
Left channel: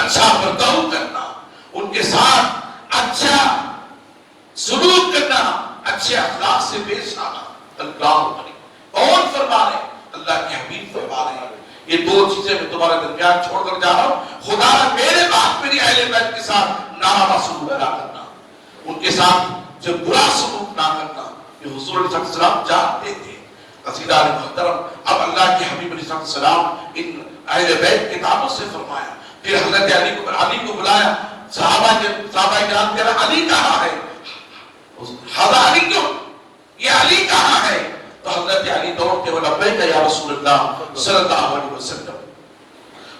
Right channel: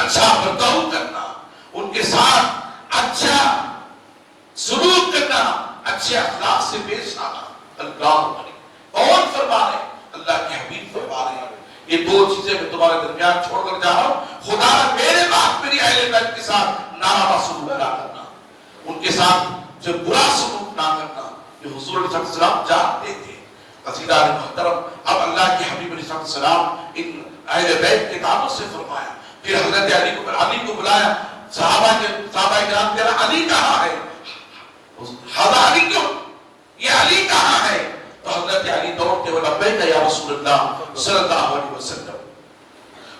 اچھا برتاؤ کرنا، ان کے ساتھ اچھا سلوک کرنا، اچھے اخلاق سے پیش آنا۔ اللہ کون فرما رہے؟ اللہ کے حبیب فرما رہے ہیں یہ 2 چیزیں میں تمہارے درمیان چھوڑ کر جا رہا ہوں، خدا میرے بعد میری اہل بیت کے ساتھ ناروا سلوک نہ کرنا، ان کے ساتھ جو برا سلوک نہ کرنا۔ یہ حضور علیہ السلام جانتے تھے۔ قصیدہ محترم اب اللہ کے حبیب علیہ السلام ان اہل بیت کے ناموں سے فرمایا، پھر حضرت علی کو بلایا، صحابہ کے صحابہ کرام تیرا علی کہاں ہے؟ حضرت علی کیوں؟ یہ علی کہاں ہے؟ تو حضرت علی دوڑتے ہوئے لبیک یا رسول اللہ صلی اللہ علیہ وسلم،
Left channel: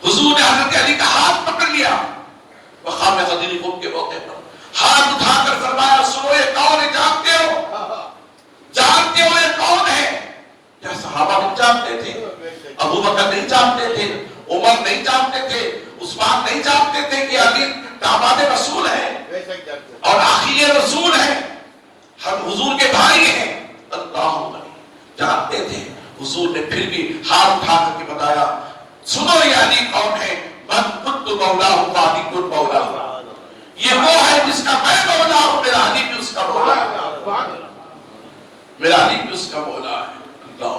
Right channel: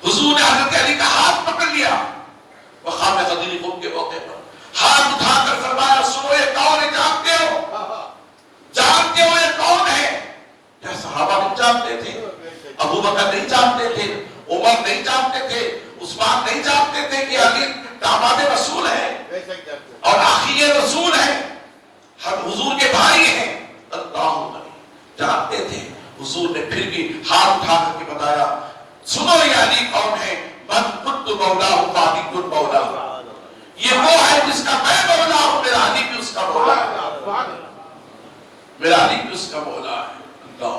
حضور نے حضرت علی کا ہاتھ پکڑ لیا مقام غدیر خون کے موقع پر، ہاتھ اٹھا کر فرمایا سنو یہ کون ہے؟ جانتے ہو؟ جانتے ہو یہ کون ہے؟ کیا صحابہ نہیں جانتے تھے؟ ابو بکر نہیں جانتے تھے؟ عمر نہیں جانتے تھے؟ عثمان نہیں جانتے تھے کہ علی داماد رسول ہے اور آخری رسول ہے، ہم حضور کے بھائی ہیں؟ اللہ جانتے تھے۔ حضور نے پھر بھی ہاتھ اٹھا کر کے بتایا سنو یہ علی کون ہے؟ من کنت مولا ہوں فعلی کن مولا، یہ وہ ہے جس کا میں مولا ہوں، میرا علی بھی اس کا مولا ہے، میرا علی بھی اس کا مولا ہے۔ اللہ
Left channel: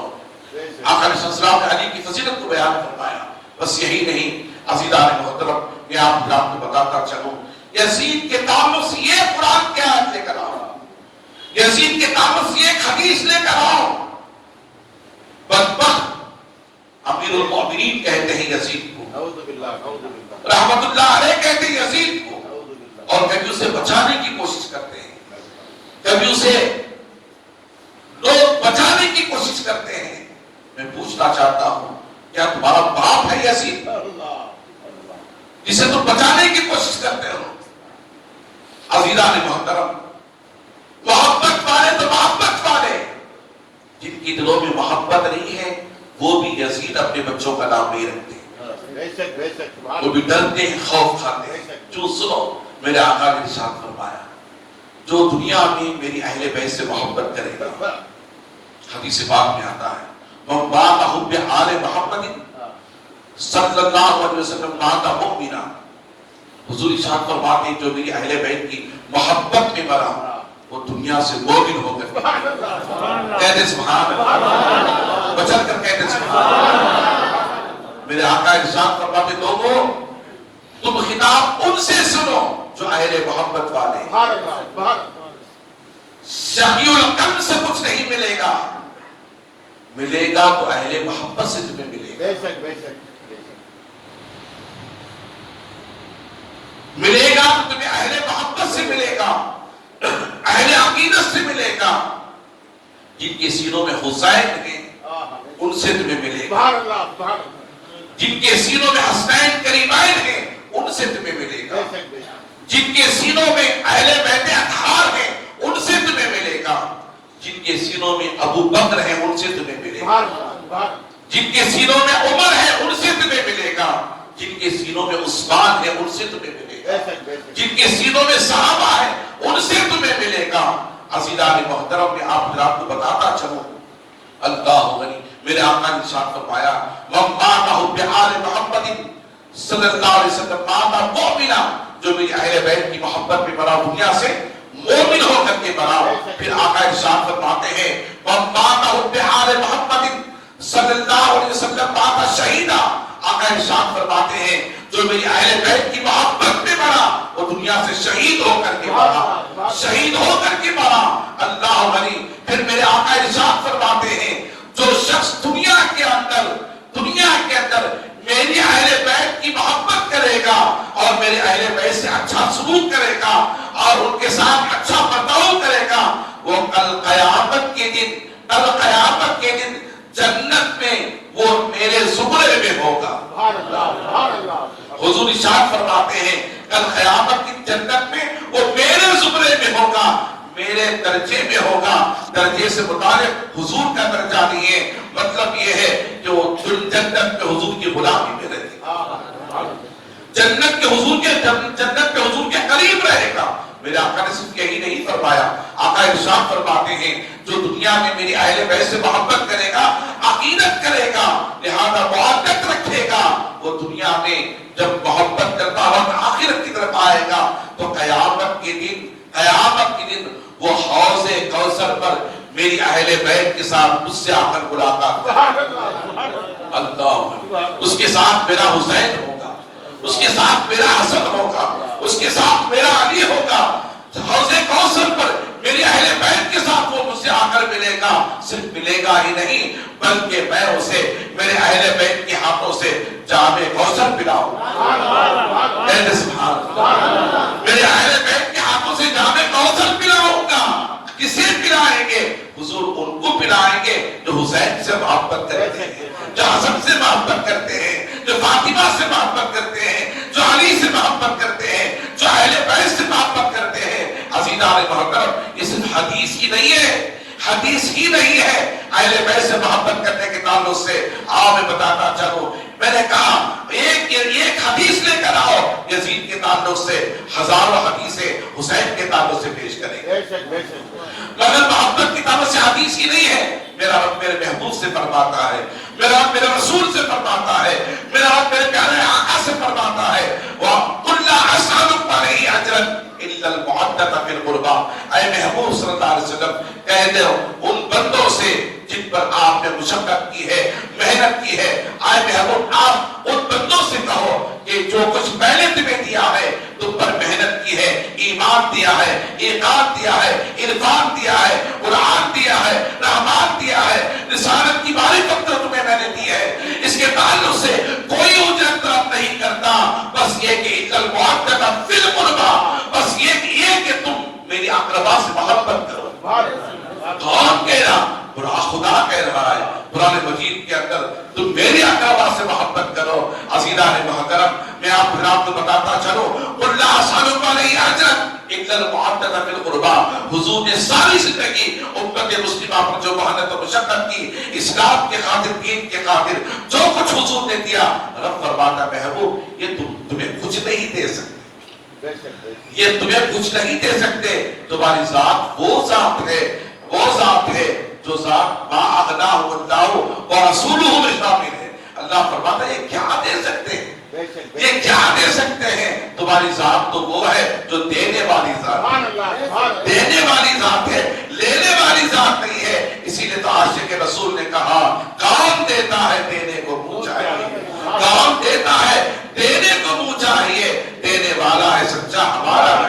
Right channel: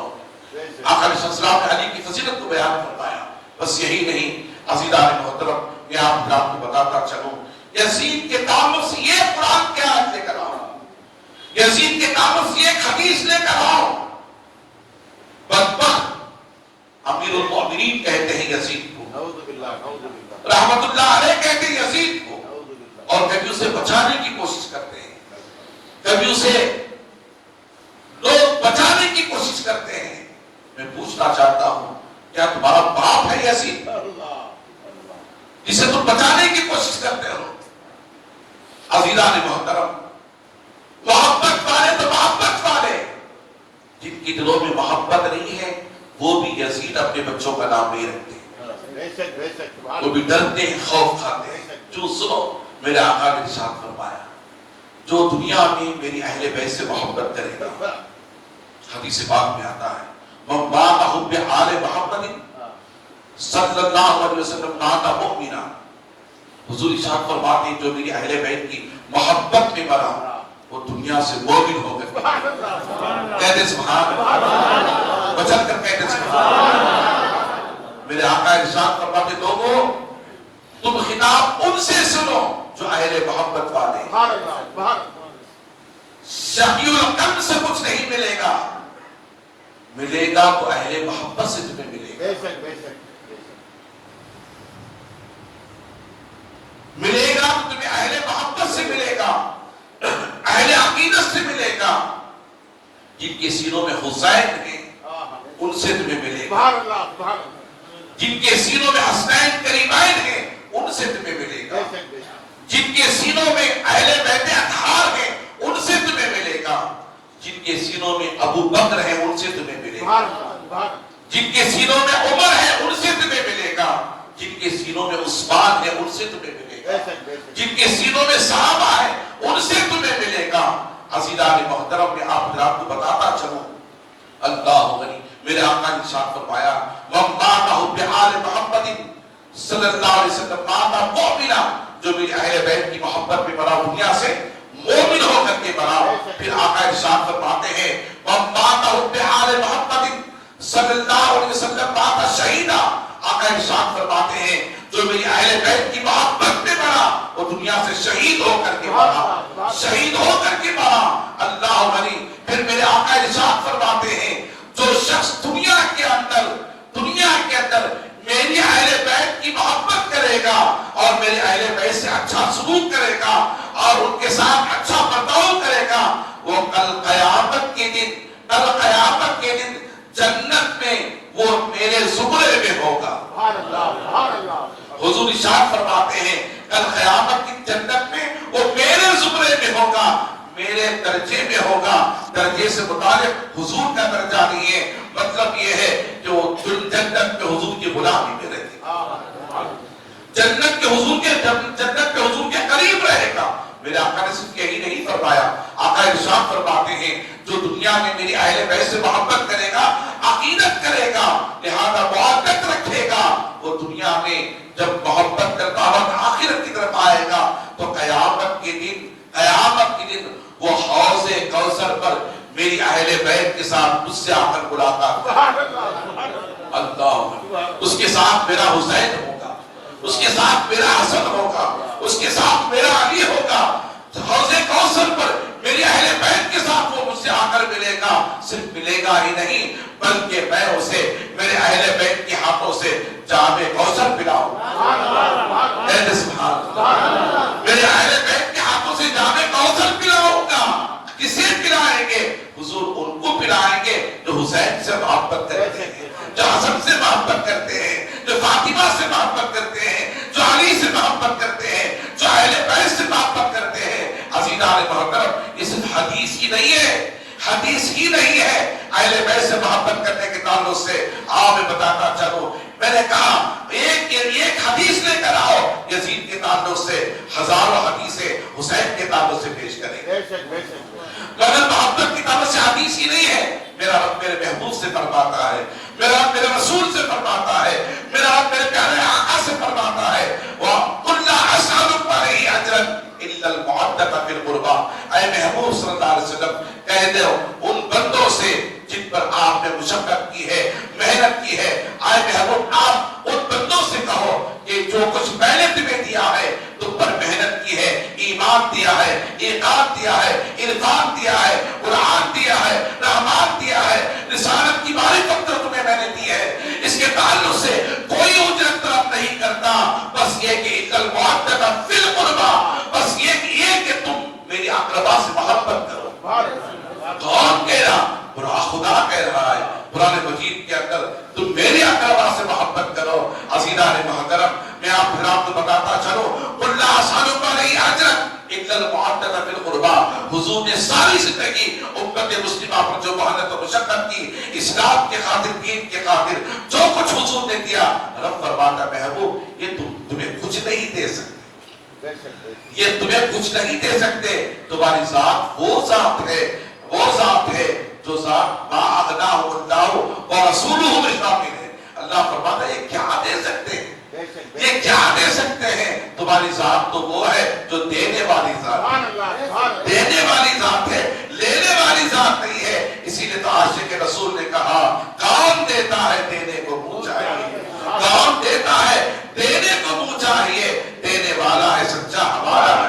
آقا علیہ السلام نے علی کی فضیلت کو بیان فرمایا۔ بس یہی نہیں عزیزان محترم، میں آپ کو بتاتا چلوں یزید کے تعلق سے یہ قرآن کیا ہے لے کر آؤ، یزید کے تعلق سے ایک حدیث لے کر آؤ۔ بدبخت امیر المؤمنین کہتے ہیں یزید کو، رحمت اللہ علیہ کہتے ہیں یزید کو، اور کبھی اسے بچانے کی کوشش کرتے ہیں، کبھی اسے لوگ بچانے کی کوشش کرتے ہیں۔ میں پوچھنا چاہتا ہوں کیا تمہارا باپ ہے یزید جسے تم بچانے کی کوشش کرتے ہو؟ عزیزان محترم، محبت والے تو محبت والے، جن کی دلوں میں محبت نہیں ہے وہ بھی یزید اپنے بچوں کا نام نہیں رکھتے، وہ بھی ڈرتے ہیں، خوف کھاتے ہیں۔ جو سنو میرے آقا نے ارشاد فرمایا جو دنیا میں میری اہل بیت سے محبت کرے گا، حدیث پاک میں آتا ہے من بات حب آل محمد صلی اللہ علیہ وسلم مات مؤمنا، حضور ارشاد فرماتے ہیں جو میری اہل بیت کی محبت میں مرا وہ دنیا سے مومن ہو گئے۔ کہتے سبحان اللہ، بچل کر کہتے سبحان اللہ۔ میرے آقا ارشاد فرماتے لوگوں تم خطاب ان سے سنو جو اہل محبت والے، شقی القلب سے کچھ نہیں ملے گا، ملے گا تو اہل محبت سے تمہیں ملے گا، ملے گا تو تمہیں اہل محبت سے ملے گا، اہل عقیدت سے ملے گا۔ جن کے سینوں میں حسین ہیں ان سے تمہیں ملے گا، جن کے سینوں میں حسنین کریمین ہیں ان سے تمہیں ملے گا، جن کے سینوں میں اہل بیت اطہار ہیں ان سے تمہیں ملے گا، جن کے سینوں میں ابو بکر ہیں ان سے تمہیں ملے گا، جن کے سینوں میں عمر ہے ان سے تمہیں ملے گا، جن کے سینوں میں عثمان ہے ان سے تمہیں ملے گا، جن کے سینوں میں صحابہ ہے ان سے تمہیں ملے گا۔ عزیزان محترم میں آپ حضرات کو بتاتا چلوں اللہ غنی، میرے آقا نے ارشاد فرمایا من مات حب آل محمد صلی اللہ علیہ وسلم مات مؤمنا، جو میری اہل بیت کی محبت میں مرا دنیا سے مومن ہو کر کے مرا۔ پھر آقا ارشاد فرماتے ہیں من مات حب آل محمد صلی اللہ علیہ وسلم مات شہیدا، آقا ارشاد فرماتے ہیں جو میری اہل بیت کی محبت میں مرا وہ دنیا سے شہید ہو کر کے مرا، شہید ہو کر کے مرا۔ اللہ غنی پھر میرے آقا ارشاد فرماتے ہیں جو شخص دنیا کے اندر میری اہل بیت کی محبت کرے گا اور میرے اہل بیت سے اچھا سلوک کرے گا اور ان کے ساتھ اچھا برتاؤ کرے گا، وہ کل قیامت کے دن جنت میں وہ میرے زمرے میں ہوگا۔ حضور ارشاد فرماتے ہیں کل قیامت کی جنت میں وہ میرے زمرے میں ہوگا، میرے درجے میں ہوگا۔ درجے سے متعلق حضور کا درجہ نہیں ہے، مطلب یہ ہے کہ وہ جنت میں حضور کی غلامی میں رہے گا، جنت کے حضور کے قریب رہے گا۔ میرے آقا نے صرف یہی نہیں فرمایا، آقا ارشاد فرماتے ہیں جو دنیا میں میری اہل بیت سے محبت کرے گا، عقیدت کرے گا، لہذا محبت رکھے گا، وہ دنیا میں جب محبت کرتا وقت آخرت کی طرف آئے گا تو قیامت کے دن وہ حوض کوثر پر میری اہل بیت کے ساتھ مجھ سے آ کر ملاقات اللہ، اس کے ساتھ میرا حسین ہوگا، اس کے ساتھ میرا حسن ہوگا، اس کے ساتھ میرا علی ہوگا۔ حوض کوثر پر میری اہل بیت کے ساتھ وہ مجھ سے آ کر ملے گا، صرف ملے گا ہی نہیں بلکہ میں اسے میرے اہل بیت کے ہاتھوں سے جام کوثر پلاؤں گا، میرے اہل بیت کے ہاتھوں سے جام کوثر پلاؤں گا۔ کسے پلائیں گے؟ حضور ان کو پلائیں گے جو حسین سے محبت کرتے ہیں، جو حسن سے محبت کرتے ہیں، جو فاطمہ سے محبت کرتے ہیں، جو علی سے محبت کرتے ہیں، جو اہل بیت سے محبت کرتے ہیں۔ عزیزان محترم، یہ صرف حدیث ہی نہیں ہے اہل بیت سے محبت کرنے کے تعلق سے۔ میں بتاتا چلوں، میں نے کہا ایک حدیث لے کر آؤ یزید کے تعلق سے، ہزاروں حدیثیں حسین کے تعلق سے پیش کریں، مگر محبت کی تعلق سے حدیث ہی نہیں ہے۔ میرا رب میرے محبوب سے فرماتا ہے، میرا رب میرے رسول سے فرماتا ہے، میرا رب میرے پیارے آقا سے فرماتا ہے، وَقُلْ لَا أَسْأَلُكَ عَلَيْهِ أَجْرًا إِلَّا الْمُعَدَّةَ فِي الْقُرْبَى۔ اے محبوب صلی اللہ علیہ وسلم کہہ دو ان بندوں سے جن پر آپ نے مشقت کی ہے، محنت کی ہے، اے محبوب آپ ان بندوں سے کہو کہ جو کچھ میں نے تمہیں دیا ہے، تم پر محنت کی ہے، ایمان دیا ہے، اطاعت دیا ہے، عرفان دیا ہے، قرآن دیا ہے، رحمان دیا ہے، رسالت کی معرفت تو تمہیں میں نے دی ہے، اس کے تعلق سے کوئی مجھے طرف نہیں کرتا، بس یہ کہ اِذَا الْمُعَدَّةَ فِي الْقُرْبَى، بس یہ کہ تم میری اقربا سے محبت کرو۔ کون کہہ رہا؟ خدا کہہ رہا ہے قرآن مجید کے اندر، تم میرے اقربا سے محبت کرو۔ عزیزان محترم، میں آپ کو بتاتا چلوں، قُلْ لَا أَسْأَلُكَ عَلَيْهِ أَجْرًا إِلَّا الْمُعَدَّةَ فِي الْقُرْبَى۔ حضور نے ساری زندگی امت مسلمہ پر جو محنت و مشقت کی، اسلام کے خاطر، دین کے خاطر، جو کچھ حضور نے دیا، رب فرماتا محبوب یہ تمہیں کچھ نہیں دے سکتے، یہ تمہیں کچھ نہیں دے سکتے، تمہاری ذات وہ ذات ہے جو ذات ما اغناہ اللہ ورسولہ میں شامل ہے۔ اللہ فرماتا ہے یہ کیا دے سکتے ہیں، یہ کیا دے سکتے ہیں؟ تمہاری ذات تو وہ ہے جو دینے والی ذات ہے، دینے والی ذات ہے، لینے والی ذات نہیں ہے۔ اسی لیے تو عاشق رسول نے کہا کون دیتا ہے دینے کو منہ چاہیے، کون دیتا ہے دینے کو منہ چاہیے، دینے والا ہے سچا ہمارا۔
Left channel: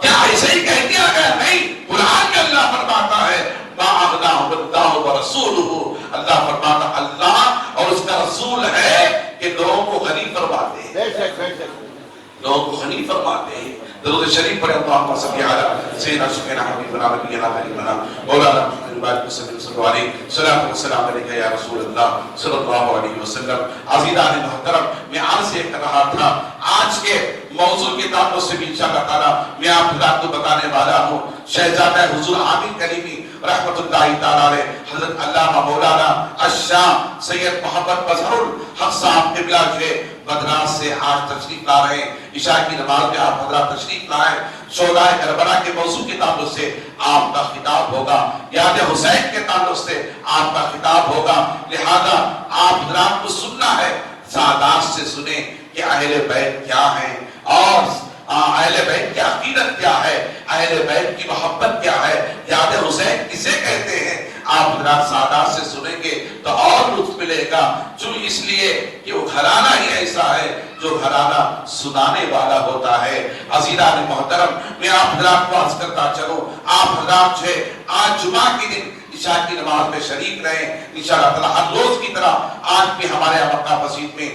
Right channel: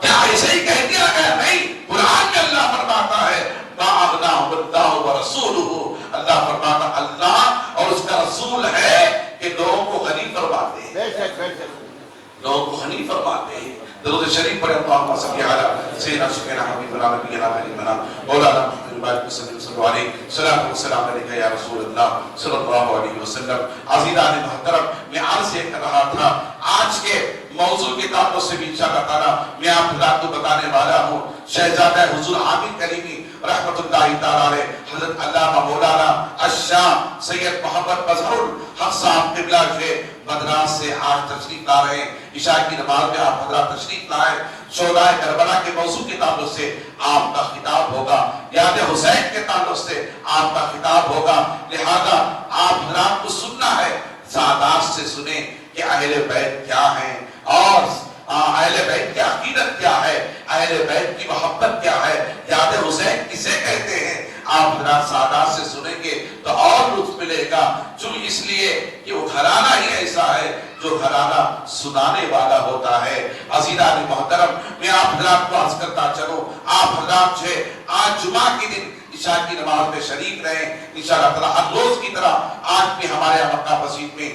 کیا ایسے ہی کہہ دیا گیا؟ نہیں، قرآن میں اللہ فرماتا ہے ما اغناہ اللہ ورسولہ، اللہ فرماتا اللہ اور اس کا رسول ہے کہ لوگوں کو غنی فرماتے ہیں، لوگوں کو غنی فرماتے ہیں۔ درود شریف پر اللہم صلی علی سیدنا سیدنا حبیبنا نبینا حبیبنا مولانا محمد صلی اللہ علیہ وسلم، السلام علیکم یا رسول اللہ صلی اللہ علیہ وسلم۔ عزیزان محترم، میں عرض کر رہا تھا آج کے موضوع کے تعلق سے بھی انشاءاللہ تعالی میں آپ کو بتانے والا ہوں شہزادہ حضور عامر کریمی رحمت اللہ تعالی علیہ حضرت علامہ مولانا الشام سید محمد مظہر الحق صاحب قبلہ کے مدراس سے آج تشریف لا رہے ہیں۔ عشاء کی نماز میں آپ حضرات تشریف لائے، شہدائے کربلا کے موضوع کے تعلق سے آپ کا خطاب ہوگا، یاد حسین کے تعلق سے آپ کا خطاب ہوگا، لہذا آپ حضرات کو سننا ہے، سادات سے سنیں کہ اہل بیت کیا ہیں اور اہل بیت کی عقیدت کیا ہے، اہل بیت کی محبت کیا ہے، یاد حسین کسے کہتے ہیں۔ آپ حضرات سادات سے سنیں پڑھیں گے تو اور لطف ملے گا، چون اس لیے کہ وہ گھرانہ ہی ایسا ہے جو گھرانہ سنانے والا ہوتا ہے۔ عزیزان محترم، میں آپ حضرات کو عرض کرتا چلوں، آپ حضرات جو ہے آج جمعہ کے دن عشاء کی نماز میں شریک رہیں انشاءاللہ تعالی۔ ہر روز کی طرح آج بھی ہمارے یہاں مکہ مسجد میں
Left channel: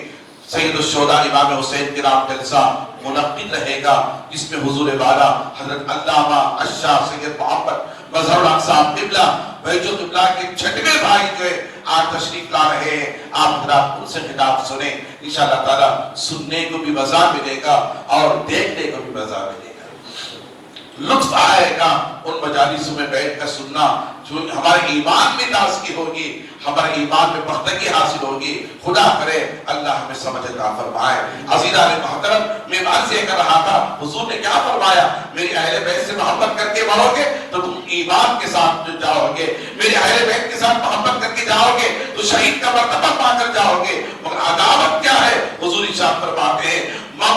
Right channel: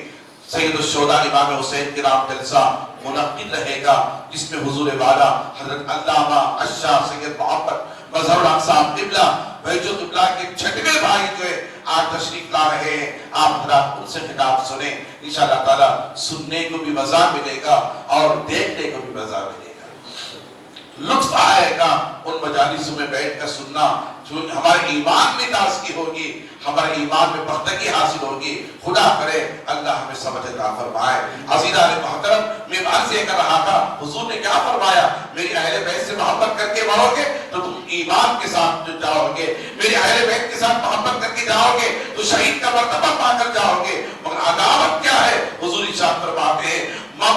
سید الشہداء امام حسین کے نام جلسہ منعقد رہے گا، جس میں حضور والا حضرت علامہ الشاہ سید محمد مظہر الحق صاحب قبلہ بھیجو قبلہ کے چھٹویں بھائی جو ہے آج تشریف لا رہے ہیں۔ آپ حضرات ان سے خطاب سنیں، انشاءاللہ تعالی سننے کو بھی مزہ ملے گا اور دیکھنے کو بھی مزہ ملے گا، لطف آئے گا ان مجالسوں میں بیٹھ کر سننا، جو ہمارے ایمان میں تازگی ہوگی، ہمارے ایمان میں پختگی حاصل ہوگی۔ خدا کرے اللہ ہمیں سمجھ عطا فرمائے۔ عزیزان محترم، میں عرض یہ کر رہا تھا، حضور نے کیا فرمایا؟ میری اہل بیت سے محبت کر کے بڑھو گے تو تم ایمان کے ساتھ جاؤ گے، میری اہل بیت کے ساتھ محبت کر کے جاؤ گے تو شہید کا مرتبہ پا کر جاؤ گے۔ مگر عداوت کیا ہے؟ حضور ارشاد فرماتے ہیں من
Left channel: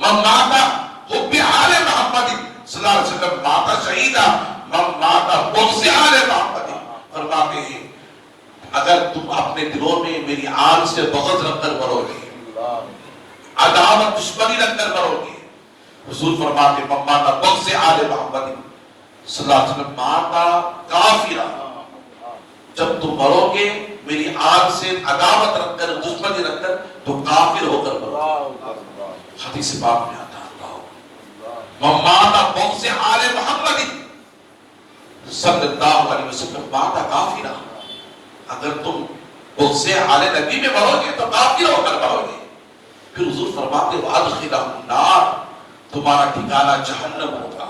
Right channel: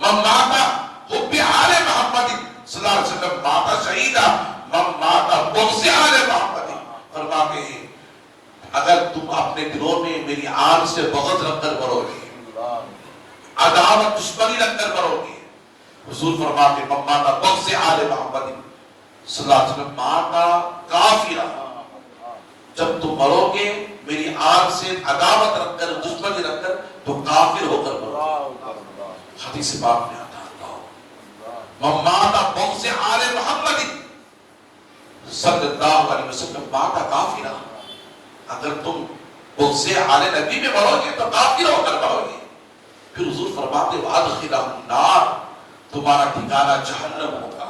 ماتا حب آل محمد صلی اللہ علیہ وسلم ماتا شہیدہ من ماتا بغض آل محمد۔ فرماتے ہیں اگر تم اپنے دلوں میں میری آل سے بغض رکھ کر مرو گے، عداوت دشمنی رکھ کر مرو گے، حضور فرماتے من ماتا بغض آل محمد صلی اللہ علیہ وسلم ماتا کافرہ، جب تم مرو گے میری آل سے عداوت رکھ کر دشمنی رکھ کر تو کافر ہو کر مرو۔ حدیث پاک میں آتا ماتا بغض آل محمد صلی اللہ علیہ وسلم ماتا کافرہ، اگر تم بغض آل نبی میں مرو گے تو کافر ہو کر مرو گے۔ پھر حضور فرماتے وادخلہم النار، تمہارا ٹھکانہ جہنم ہوگا،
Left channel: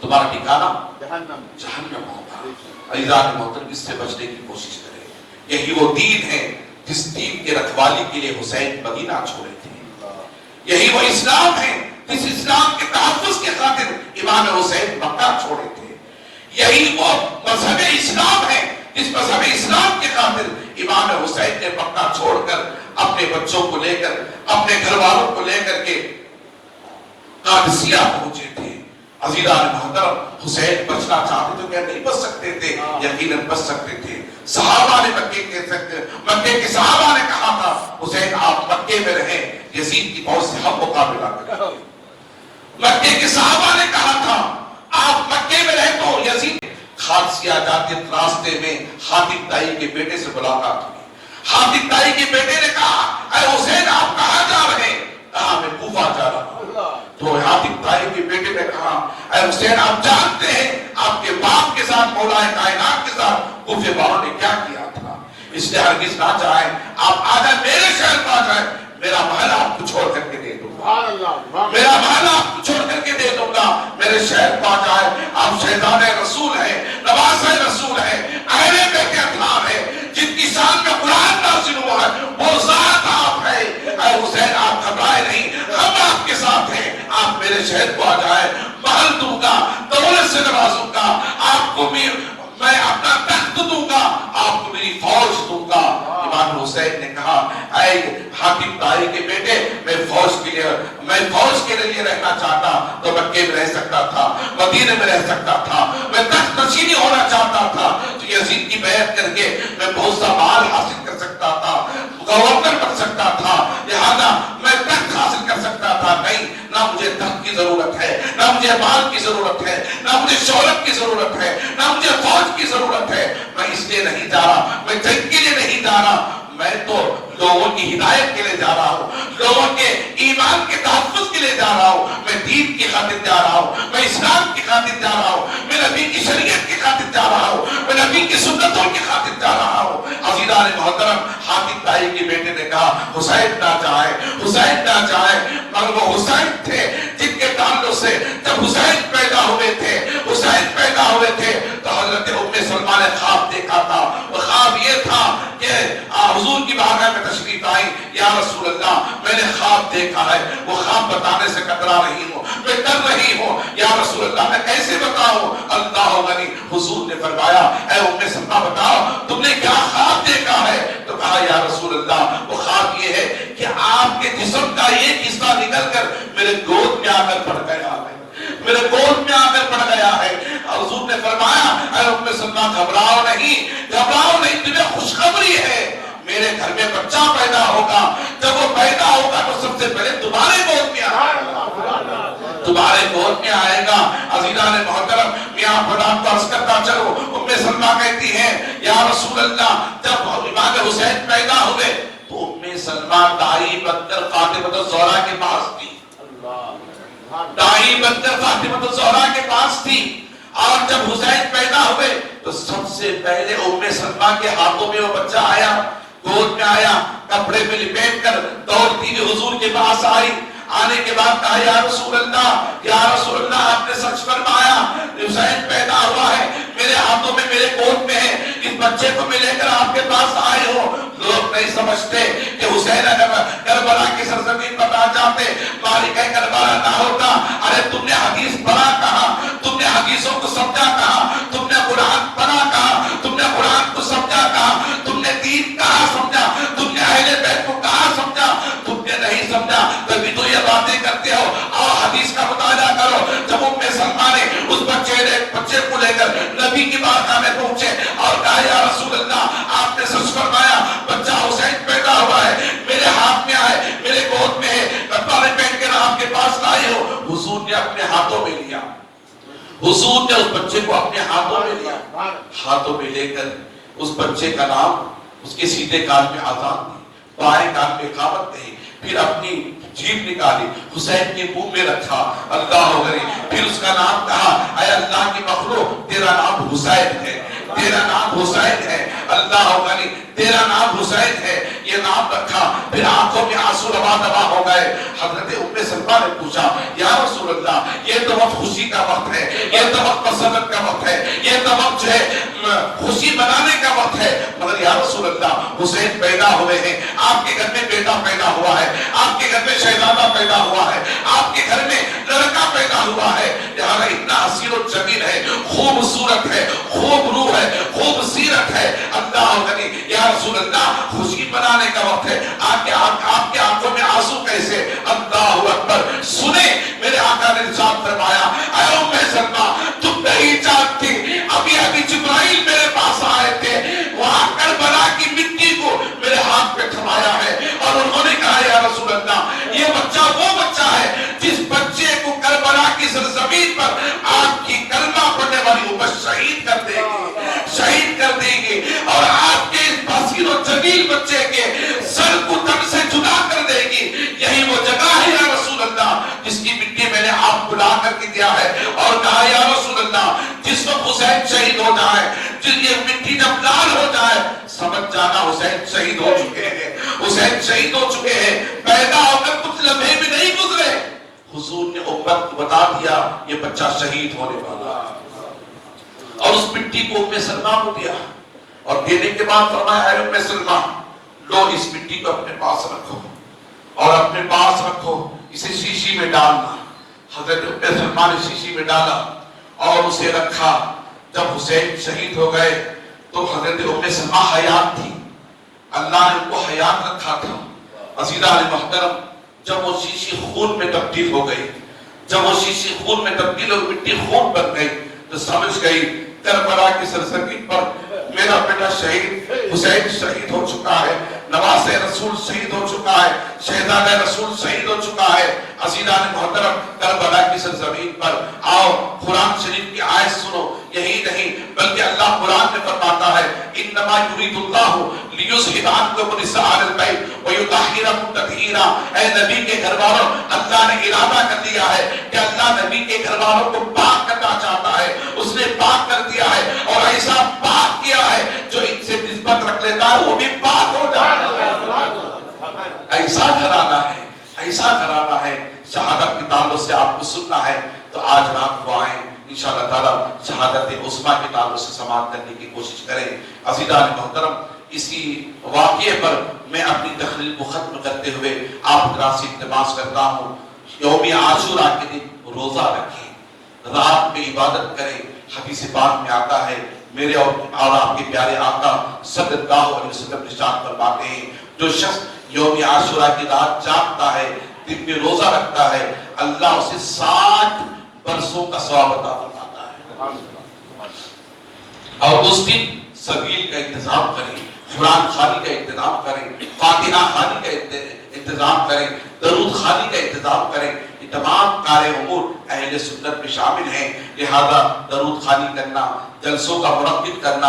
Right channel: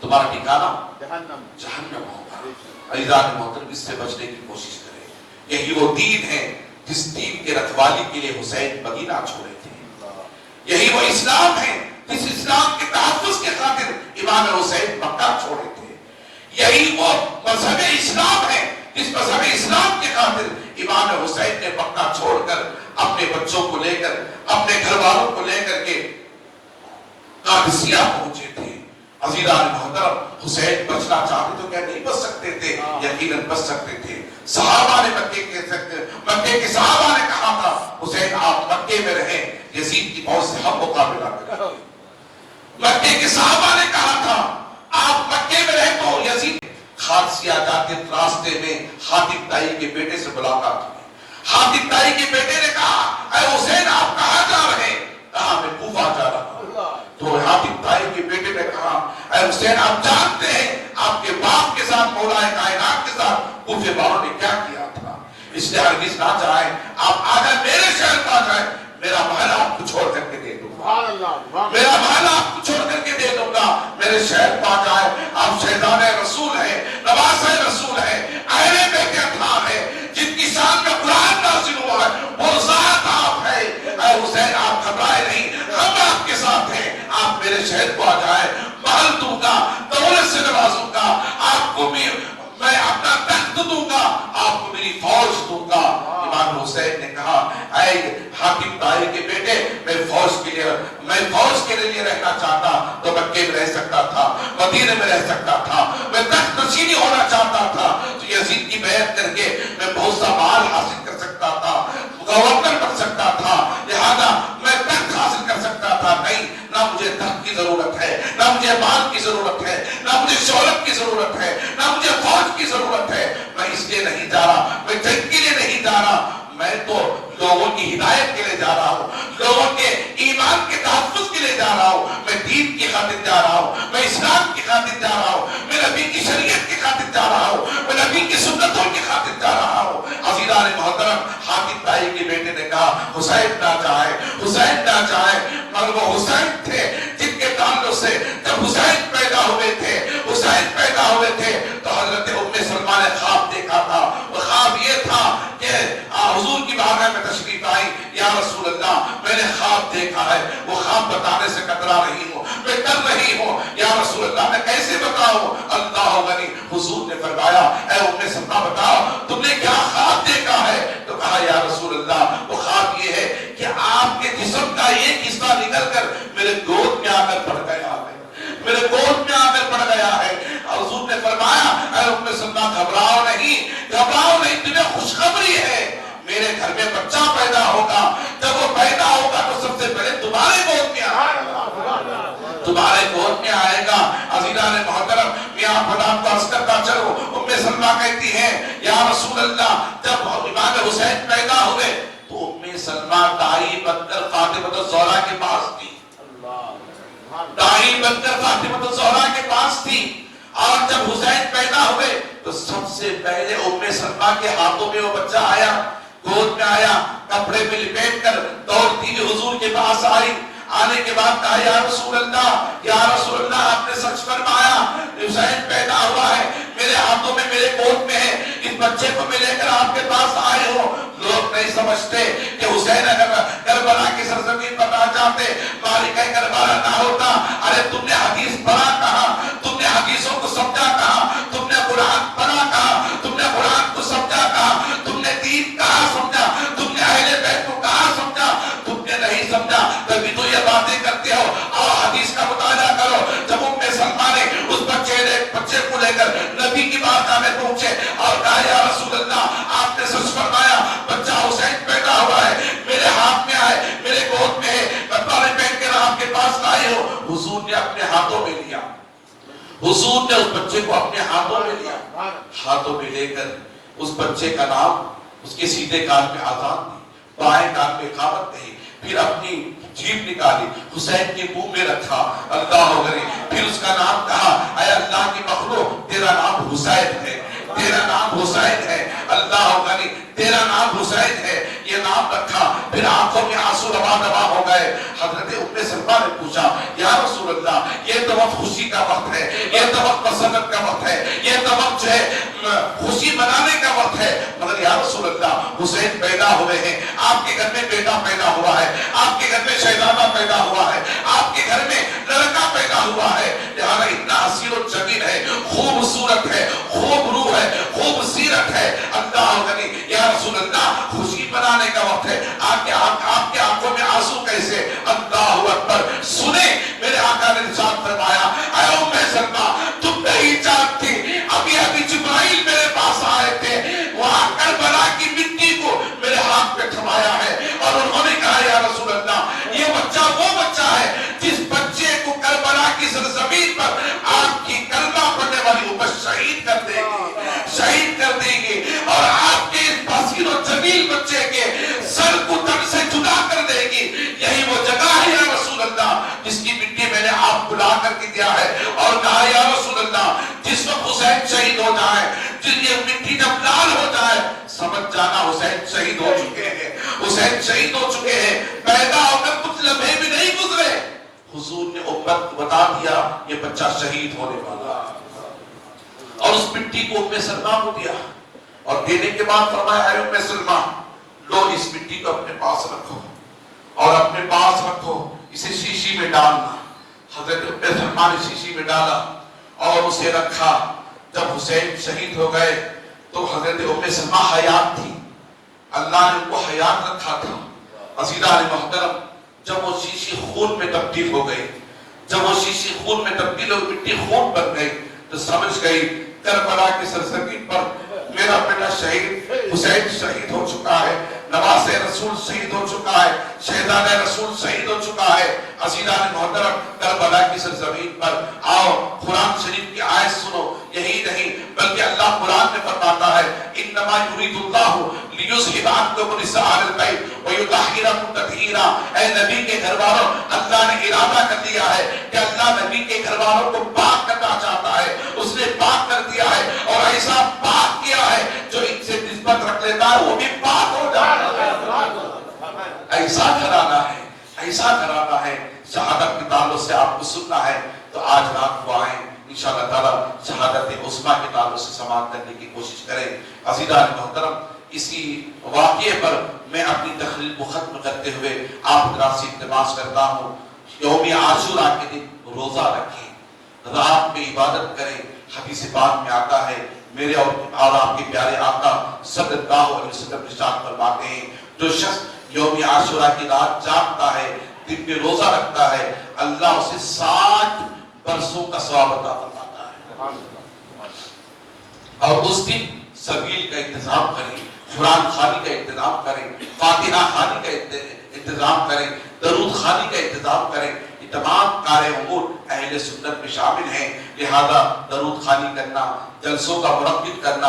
تمہارا ٹھکانہ جہنم ہوگا۔ عزیزان محترم، اس سے بچنے کی کوشش کریں، یہی وہ دین ہے جس دین کے رکھوالی کے لیے حسین مدینہ چھوڑے تھے، یہی وہ اسلام ہے جس اسلام کے تحفظ کے خاطر امام حسین مکہ چھوڑے تھے، یہی وہ مذہب اسلام ہے جس مذہب اسلام کے خاطر امام حسین نے مکہ چھوڑ کر اپنے بچوں کو لے کر، اپنے گھر والوں کو لے کر کے قادسیہ پہنچے تھے۔ عزیزان محترم، حسین بچنا چاہتے تو کیا نہیں بچ سکتے تھے؟ یقیناً بچ سکتے تھے۔ صحابہ نے مکے کے صحابہ نے کہا تھا حسین آپ مکے میں رہیں، یزید کی فوج سے ہم مقابلہ کریں۔ مکے کے صحابہ نے کہا تھا آپ مکے میں رہیں تو یزید قادسیہ جاتے راستے میں حاتم طائی کے بیٹے سے ملاقات ہوئی۔ حاتم طائی کے بیٹے نے کہا اے حسین آپ کہاں جا رہے ہیں؟ کہا میں کوفہ جا رہا ہوں۔ تو حاتم طائی کے بیٹے نے کہا اے حسین آپ جانتے ہیں آپ کے باپ کے ساتھ مولا کائنات کے ساتھ کوفے والوں نے کیا کیا تھا، اس لیے ہرگز نہ جائیں، آپ آ جائیں میرے شہر میں آ جائیں، میرا محل آپ کو چھوڑ کر کے دے دوں گا، میرا محل آپ کو چھوڑ کر کے دے دوں گا، میرے شہر پا جائے، آپ شہزادہ رسول ہیں، نواسہ رسول ہیں، اہل بیت اطہار ہیں، جن کی شان کا قرآن نازل ہوا ہے، وہ ذات آپ ہے۔ اے حسین آپ گھبرائے نہیں، ہم آپ کے ساتھ ہیں، آپ میرے شہر کو آ جائے، محل دوں گا، دولت سے نوازوں گا، آپ کو بھی میں اپنا تخت دوں گا، آپ کو میری فوج دوں گا۔ امام حسین نے کہا اے حاتم طائی کے بیٹے میں فوج کے لیے رہنا چاہتا تو مکے میں رہ سکتا تھا، مدینے میں رہ سکتا تھا، میں تخت نشینی ہونا چاہتا تھا تو یزید کی بیعت کر کے میں بہت سا مال حاصل کر سکتا تھا، گورنر بن سکتا تھا، لہذا میں تخت حاصل کر سکتا تھا۔ نہیں، نہ مجھے تخت کی ضرورت ہے، نہ مجھے مال کی ضرورت ہے، نہ مجھے شہرت کی ضرورت ہے، نہ مجھے فوج کی ضرورت ہے۔ میں اس لیے نہیں جا رہا، میں جنگ کے لیے نہیں جا رہا، میں تو لوگوں کی ہدایت کے لیے جا رہا ہوں، لوگوں کے ایمان کے تحفظ کے لیے جا رہا ہوں، میں دین کی خاطر جا رہا ہوں، میں اسلام کی خاطر جا رہا ہوں، میں نبی کی شریعت کی خاطر جا رہا ہوں، میں نبی کی سنتوں کی خاطر جا رہا ہوں۔ عزیزان محترم، حاتم طائی کے بیٹے نے کہا حسین نہ جائے، حسین نہ جائے، مگر وہ حسین تھے جن کے تعلق سے جب حسین پیدا ہوئے تھے تو حضرت ام سلمہ نے خواب دیکھا تھا، وہ خواب یہ تھا کہ حضور کی بارگاہ میں تشریف آئی، یا رسول اللہ میں نے خواب دیکھا ہے، وہ خواب بتانے سے کترا رہی ہوں، میں ڈر رہی ہوں، یا رسول اللہ میں کیسے بتاؤں؟ اللہ غنی، حضور نے فرمایا اے ام سلمہ بتاؤ تم نے کیا خواب دیکھا ہے؟ تو کہا یا رسول اللہ وہ خواب یہ ہے کہ آپ کے جسم کا ایک حصہ نکل کر میرے گود میں آ کر پڑ گیا ہے، میرے گود میں آ کر پڑ گیا ہے۔ حضور نے فرمایا اے ام سلمہ گھبراؤ نہیں، گھبراؤ خوشخبری ہے، میرے گھر میں بچہ پیدا ہوگا، جب وہ پیدا ہوگا تو سب سے پہلے تمہارے گود میں آئے گا، تمہارے گود میں آئے گا۔ عزیزان محترم، یہاں خدا کو عرض کرتا چلو، ام سلمہ کہتی ہے یا رسول اللہ جب امام حسین پیدا ہوئے تو ام سلمہ دائی بن کر فاطمہ الزہرا کے پاس تھی، دائی بن کر فاطمہ الزہرا کے پاس تھی، اور جب حسین پیدا ہوئے تو سب سے پہلے ام سلمہ کے ہاتھوں میں وہ بچہ آیا، گود میں آیا، کپڑے میں لپیٹ کر دوڑتی ہوئی حضور کے پاس آئی، آنے کے بعد کہا یا رسول اللہ آپ نے سچ فرمایا، حسین پیدا ہوا ہے، میرے ہاتھوں میں میرے گود میں ہے، اس بچے کو میں لے کر آپ کے پاس آئے ہو۔ لوگ نہیں سمجھتے کہ حسین اگر کربلا کی سرزمین پر آ جاتے، مالک کربلا نہ ہوتا۔ ارے تم نے حدیث پڑھا کہاں، تم نے حدیثوں کو سمجھا کہاں، تم نے قرآن پڑھا کہاں، تم نے قرآن کو سمجھا کہاں، تم نے دین کہاں سمجھا، تم نے اہل بیت کو کہاں سمجھا، تم نے نہیں سمجھا، تبھی تو یہ باتیں کرتے ہو۔ اور حدیث کا مطالعہ کرو، جب ام سلمہ نے اس بچے کو لے کر نبی کی بارگاہ میں پہنچے اور کہا یا رسول اللہ آپ نے سچ فرمایا، بچہ حسین پیدا ہوا ہے، میرے ہاتھ میں آئے، میرے گود میں ہے، کپڑے پہن کر آپ کے پاس لائے ہو۔ حضور نے اپنے ہاتھوں میں لیا، حضور نے اس بچے کو اپنے ہاتھوں میں لیا، ہاتھوں میں لے کر اس بچے کا نام اس کے سیدھے کان میں آزان دی، بائیں کان میں اقامت دی، پھر اپنی جیب نکالی، حسین کے منہ میں رکھا، اللہ اکبر، پھر اس کا نام کہا، اے اللہ کی مخلوق تیرا نام حسین ہے، تیرا نام حسین ہے، اللہ اکبر، تیرا نام حسین ہے، یہ نام رکھا۔ پھر آنکھوں میں آنسو روا دوا ہو گئے۔ حضرت ام سلمہ نے پوچھا یا رسول اللہ یہ تو وقت خوشی کا وقت ہے، یہ تو وقت مسرت کا وقت ہے، یہ تو وقت جو ہے خوشی منانے کا وقت ہے، مگر یا رسول اللہ حسین پیدا ہوئے ہیں، آپ کے گھر میں بیٹا پیدا ہوا ہے، آپ کے گھر میں شہزادہ پیدا ہوا ہے، آپ کے گھر میں لڑکا پیدا ہوا ہے، لہذا اتنا حسین و جمیل ہے، خوبصورت ہے، خوب روح ہے، خوب سیرت ہے، اللہ اکبر، یا رسول اللہ خوشی منانے کا وقت ہے، آپ کے آنکھوں میں آنسو کیسے؟ اللہ اکبر، سنے میرے آقا نے ارشاد فرمایا اے ام سلمہ تم نہیں جانتی، ابھی جبرائیل میرے پاس آئے تھے، وہاں کربلا کی مٹی کو میرے ہاتھ پہ تھمایا ہے اور انہوں نے کہا یا رسول اللہ یہ بچہ وہ بچہ ہے جس بچے کو کربلا کی سرزمین پر آپ کی کلمہ پڑھنے والی امت شہید کر دے گی، شہید کر دے گی، اور آپ کے اس حسین و جمیل بچے کے سر کو تن سے جدا کر دے گی۔ یہی وہ جگہ ہے یا رسول اللہ جس کی مٹی میں نے آپ کو لا کر کے دیا ہے، اور کہا یا رسول اللہ جس وقت حسین شہید ہو جائے، جس یہ مٹی جب لال ہو جائے، سمجھ جانا حسین شہید ہو چکے ہیں، حسین شہید ہو چکے ہیں، پیدا ہو کر کچھ لمحے بھی نہیں گزرے، حضور نے امت کو بتا دیا یہ بچہ شہید ہونے والا، اور اس مٹی کو ام سلمہ کو دیا، اور دینے کے بعد فرمایا اے ام سلمہ لو اس مٹی کو اپنے پاس رکھو، اور اپنے پاس رکھو، اسے شیشی میں ڈالنا۔ حضرت ام سلمہ نے شیشی میں ڈالا اور اسے رکھا۔ جب حسین شہید ہو گئے تو حضرت ام سلمہ حیات تھی، اللہ نے ان کو حیات رکھا تھا۔ عزیزان محترم، جب وہ شیشی خون میں تبدیل ہو گئی، جب وہ شیشی خون میں تبدیل ہو مٹی خون بن گئی، تو سمجھ گئی کربلا کی سرزمین پر میرا بیٹا شہید حسین شہید ہو چکا ہے، نواز رسول شہید ہو چکا ہے، شہزادہ رسول شہید ہو چکا ہے۔ عزیزان محترم، کربلا کی سرزمین پر آؤ قرآن شریف کی آیت سنو، یہی نہیں بلکہ اللہ قرآن میں فرماتا ہے انما یرید اللہ لیذھب عنکم الرجس اہل البیت ویطہرکم تطہیرا۔ اے نبی کے گھر والوں، اللہ نے ارادہ کر لیا ہے کہ اللہ نبی کے گھر والوں کو پاک کرنا چاہتا ہے، اس نے پاک کر دیا ہے، اور ایسا پاک کیا ہے جو ان سے نسبت رکھ لیتا ہے وہ بھی پاک ہو جاتا ہے۔ ایسا گھرانہ ہے، ایسا گھرانہ ہے۔ شہادت کے تعلق سے آپ کو سننا ہے تو آج رات کو آئیں، انشاءاللہ تعالیٰ شہادت عظمیٰ کے تعلق سے سماعت کرنے کی کوشش کریں۔ عزیزان محترم، اسی واقعے پر میں اپنی تقریر کو ختم کرتے ہوئے آپ حضرات سے التماس کرتا ہوں، یوم عاشوراء کے دن روزہ رکھیں، رات میں عبادت کریں۔ حدیث پاک میں آتا ہے، میرے اور آپ کے پیارے آقا صلی اللہ علیہ وسلم ارشاد فرماتے ہیں جو شخص یوم عاشوراء کی رات جاگتا ہے، دن میں روزہ رکھتا ہے، اللہ اسے 60 برسوں کا ثواب عطا فرماتا ہے۔ اور اس دن سبیل کا انتظام کریں، قرآن خوانی کا انتظام کریں، فاتحہ خوانی کا انتظام کریں، درود خوانی کا انتظام کریں. یہ تمام کار امور اہل سنت میں شامل ہیں. لہذا درود خوانی کرنا، جلسوں کا منعقد کرنا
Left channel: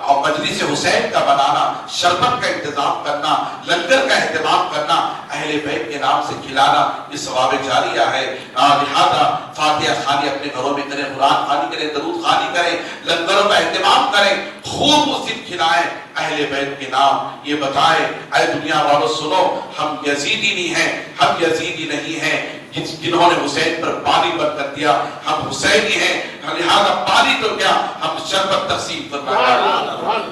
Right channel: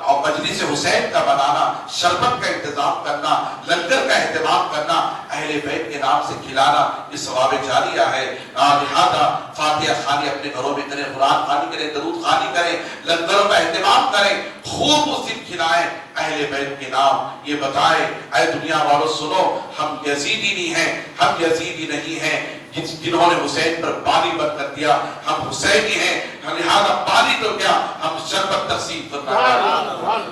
اور مجلس حسین کا بنانا، شربت کا انتظام کرنا، لنگر کا اہتمام کرنا، اہل بیت کے نام سے کھلانا، یہ ثواب جاریہ ہے. لہذا فاتحہ خوانی اپنے گھروں میں کریں، قرآن خوانی کریں، درود خوانی کریں، لنگروں کا اہتمام کریں، خوب مسلم کھلائیں اہل بیت کے نام. یہ بتائیں اے دنیا والوں سنو، ہم یزیدی نہیں ہیں، ہم یزیدی نہیں ہیں جنہوں نے حسین پر پانی بند کر دیا. ہم حسینی ہیں، لہذا پانی تو کیا، ہم شربت تقسیم فرمائیں.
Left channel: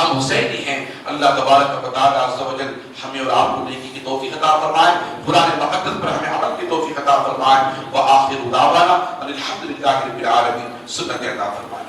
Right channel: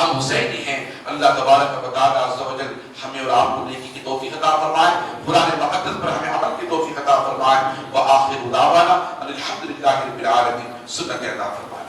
ہم حسینی ہیں. اللہ تبارک و تعالی عز و جل ہمیں اور آپ کو نیکی کی توفیق عطا فرمائے، قرآن مقدس پر ہمیں عمل کی توفیق عطا فرمائے. وآخر دعوانا ان الحمد للہ رب العالمین. سنت عطا فرمائے.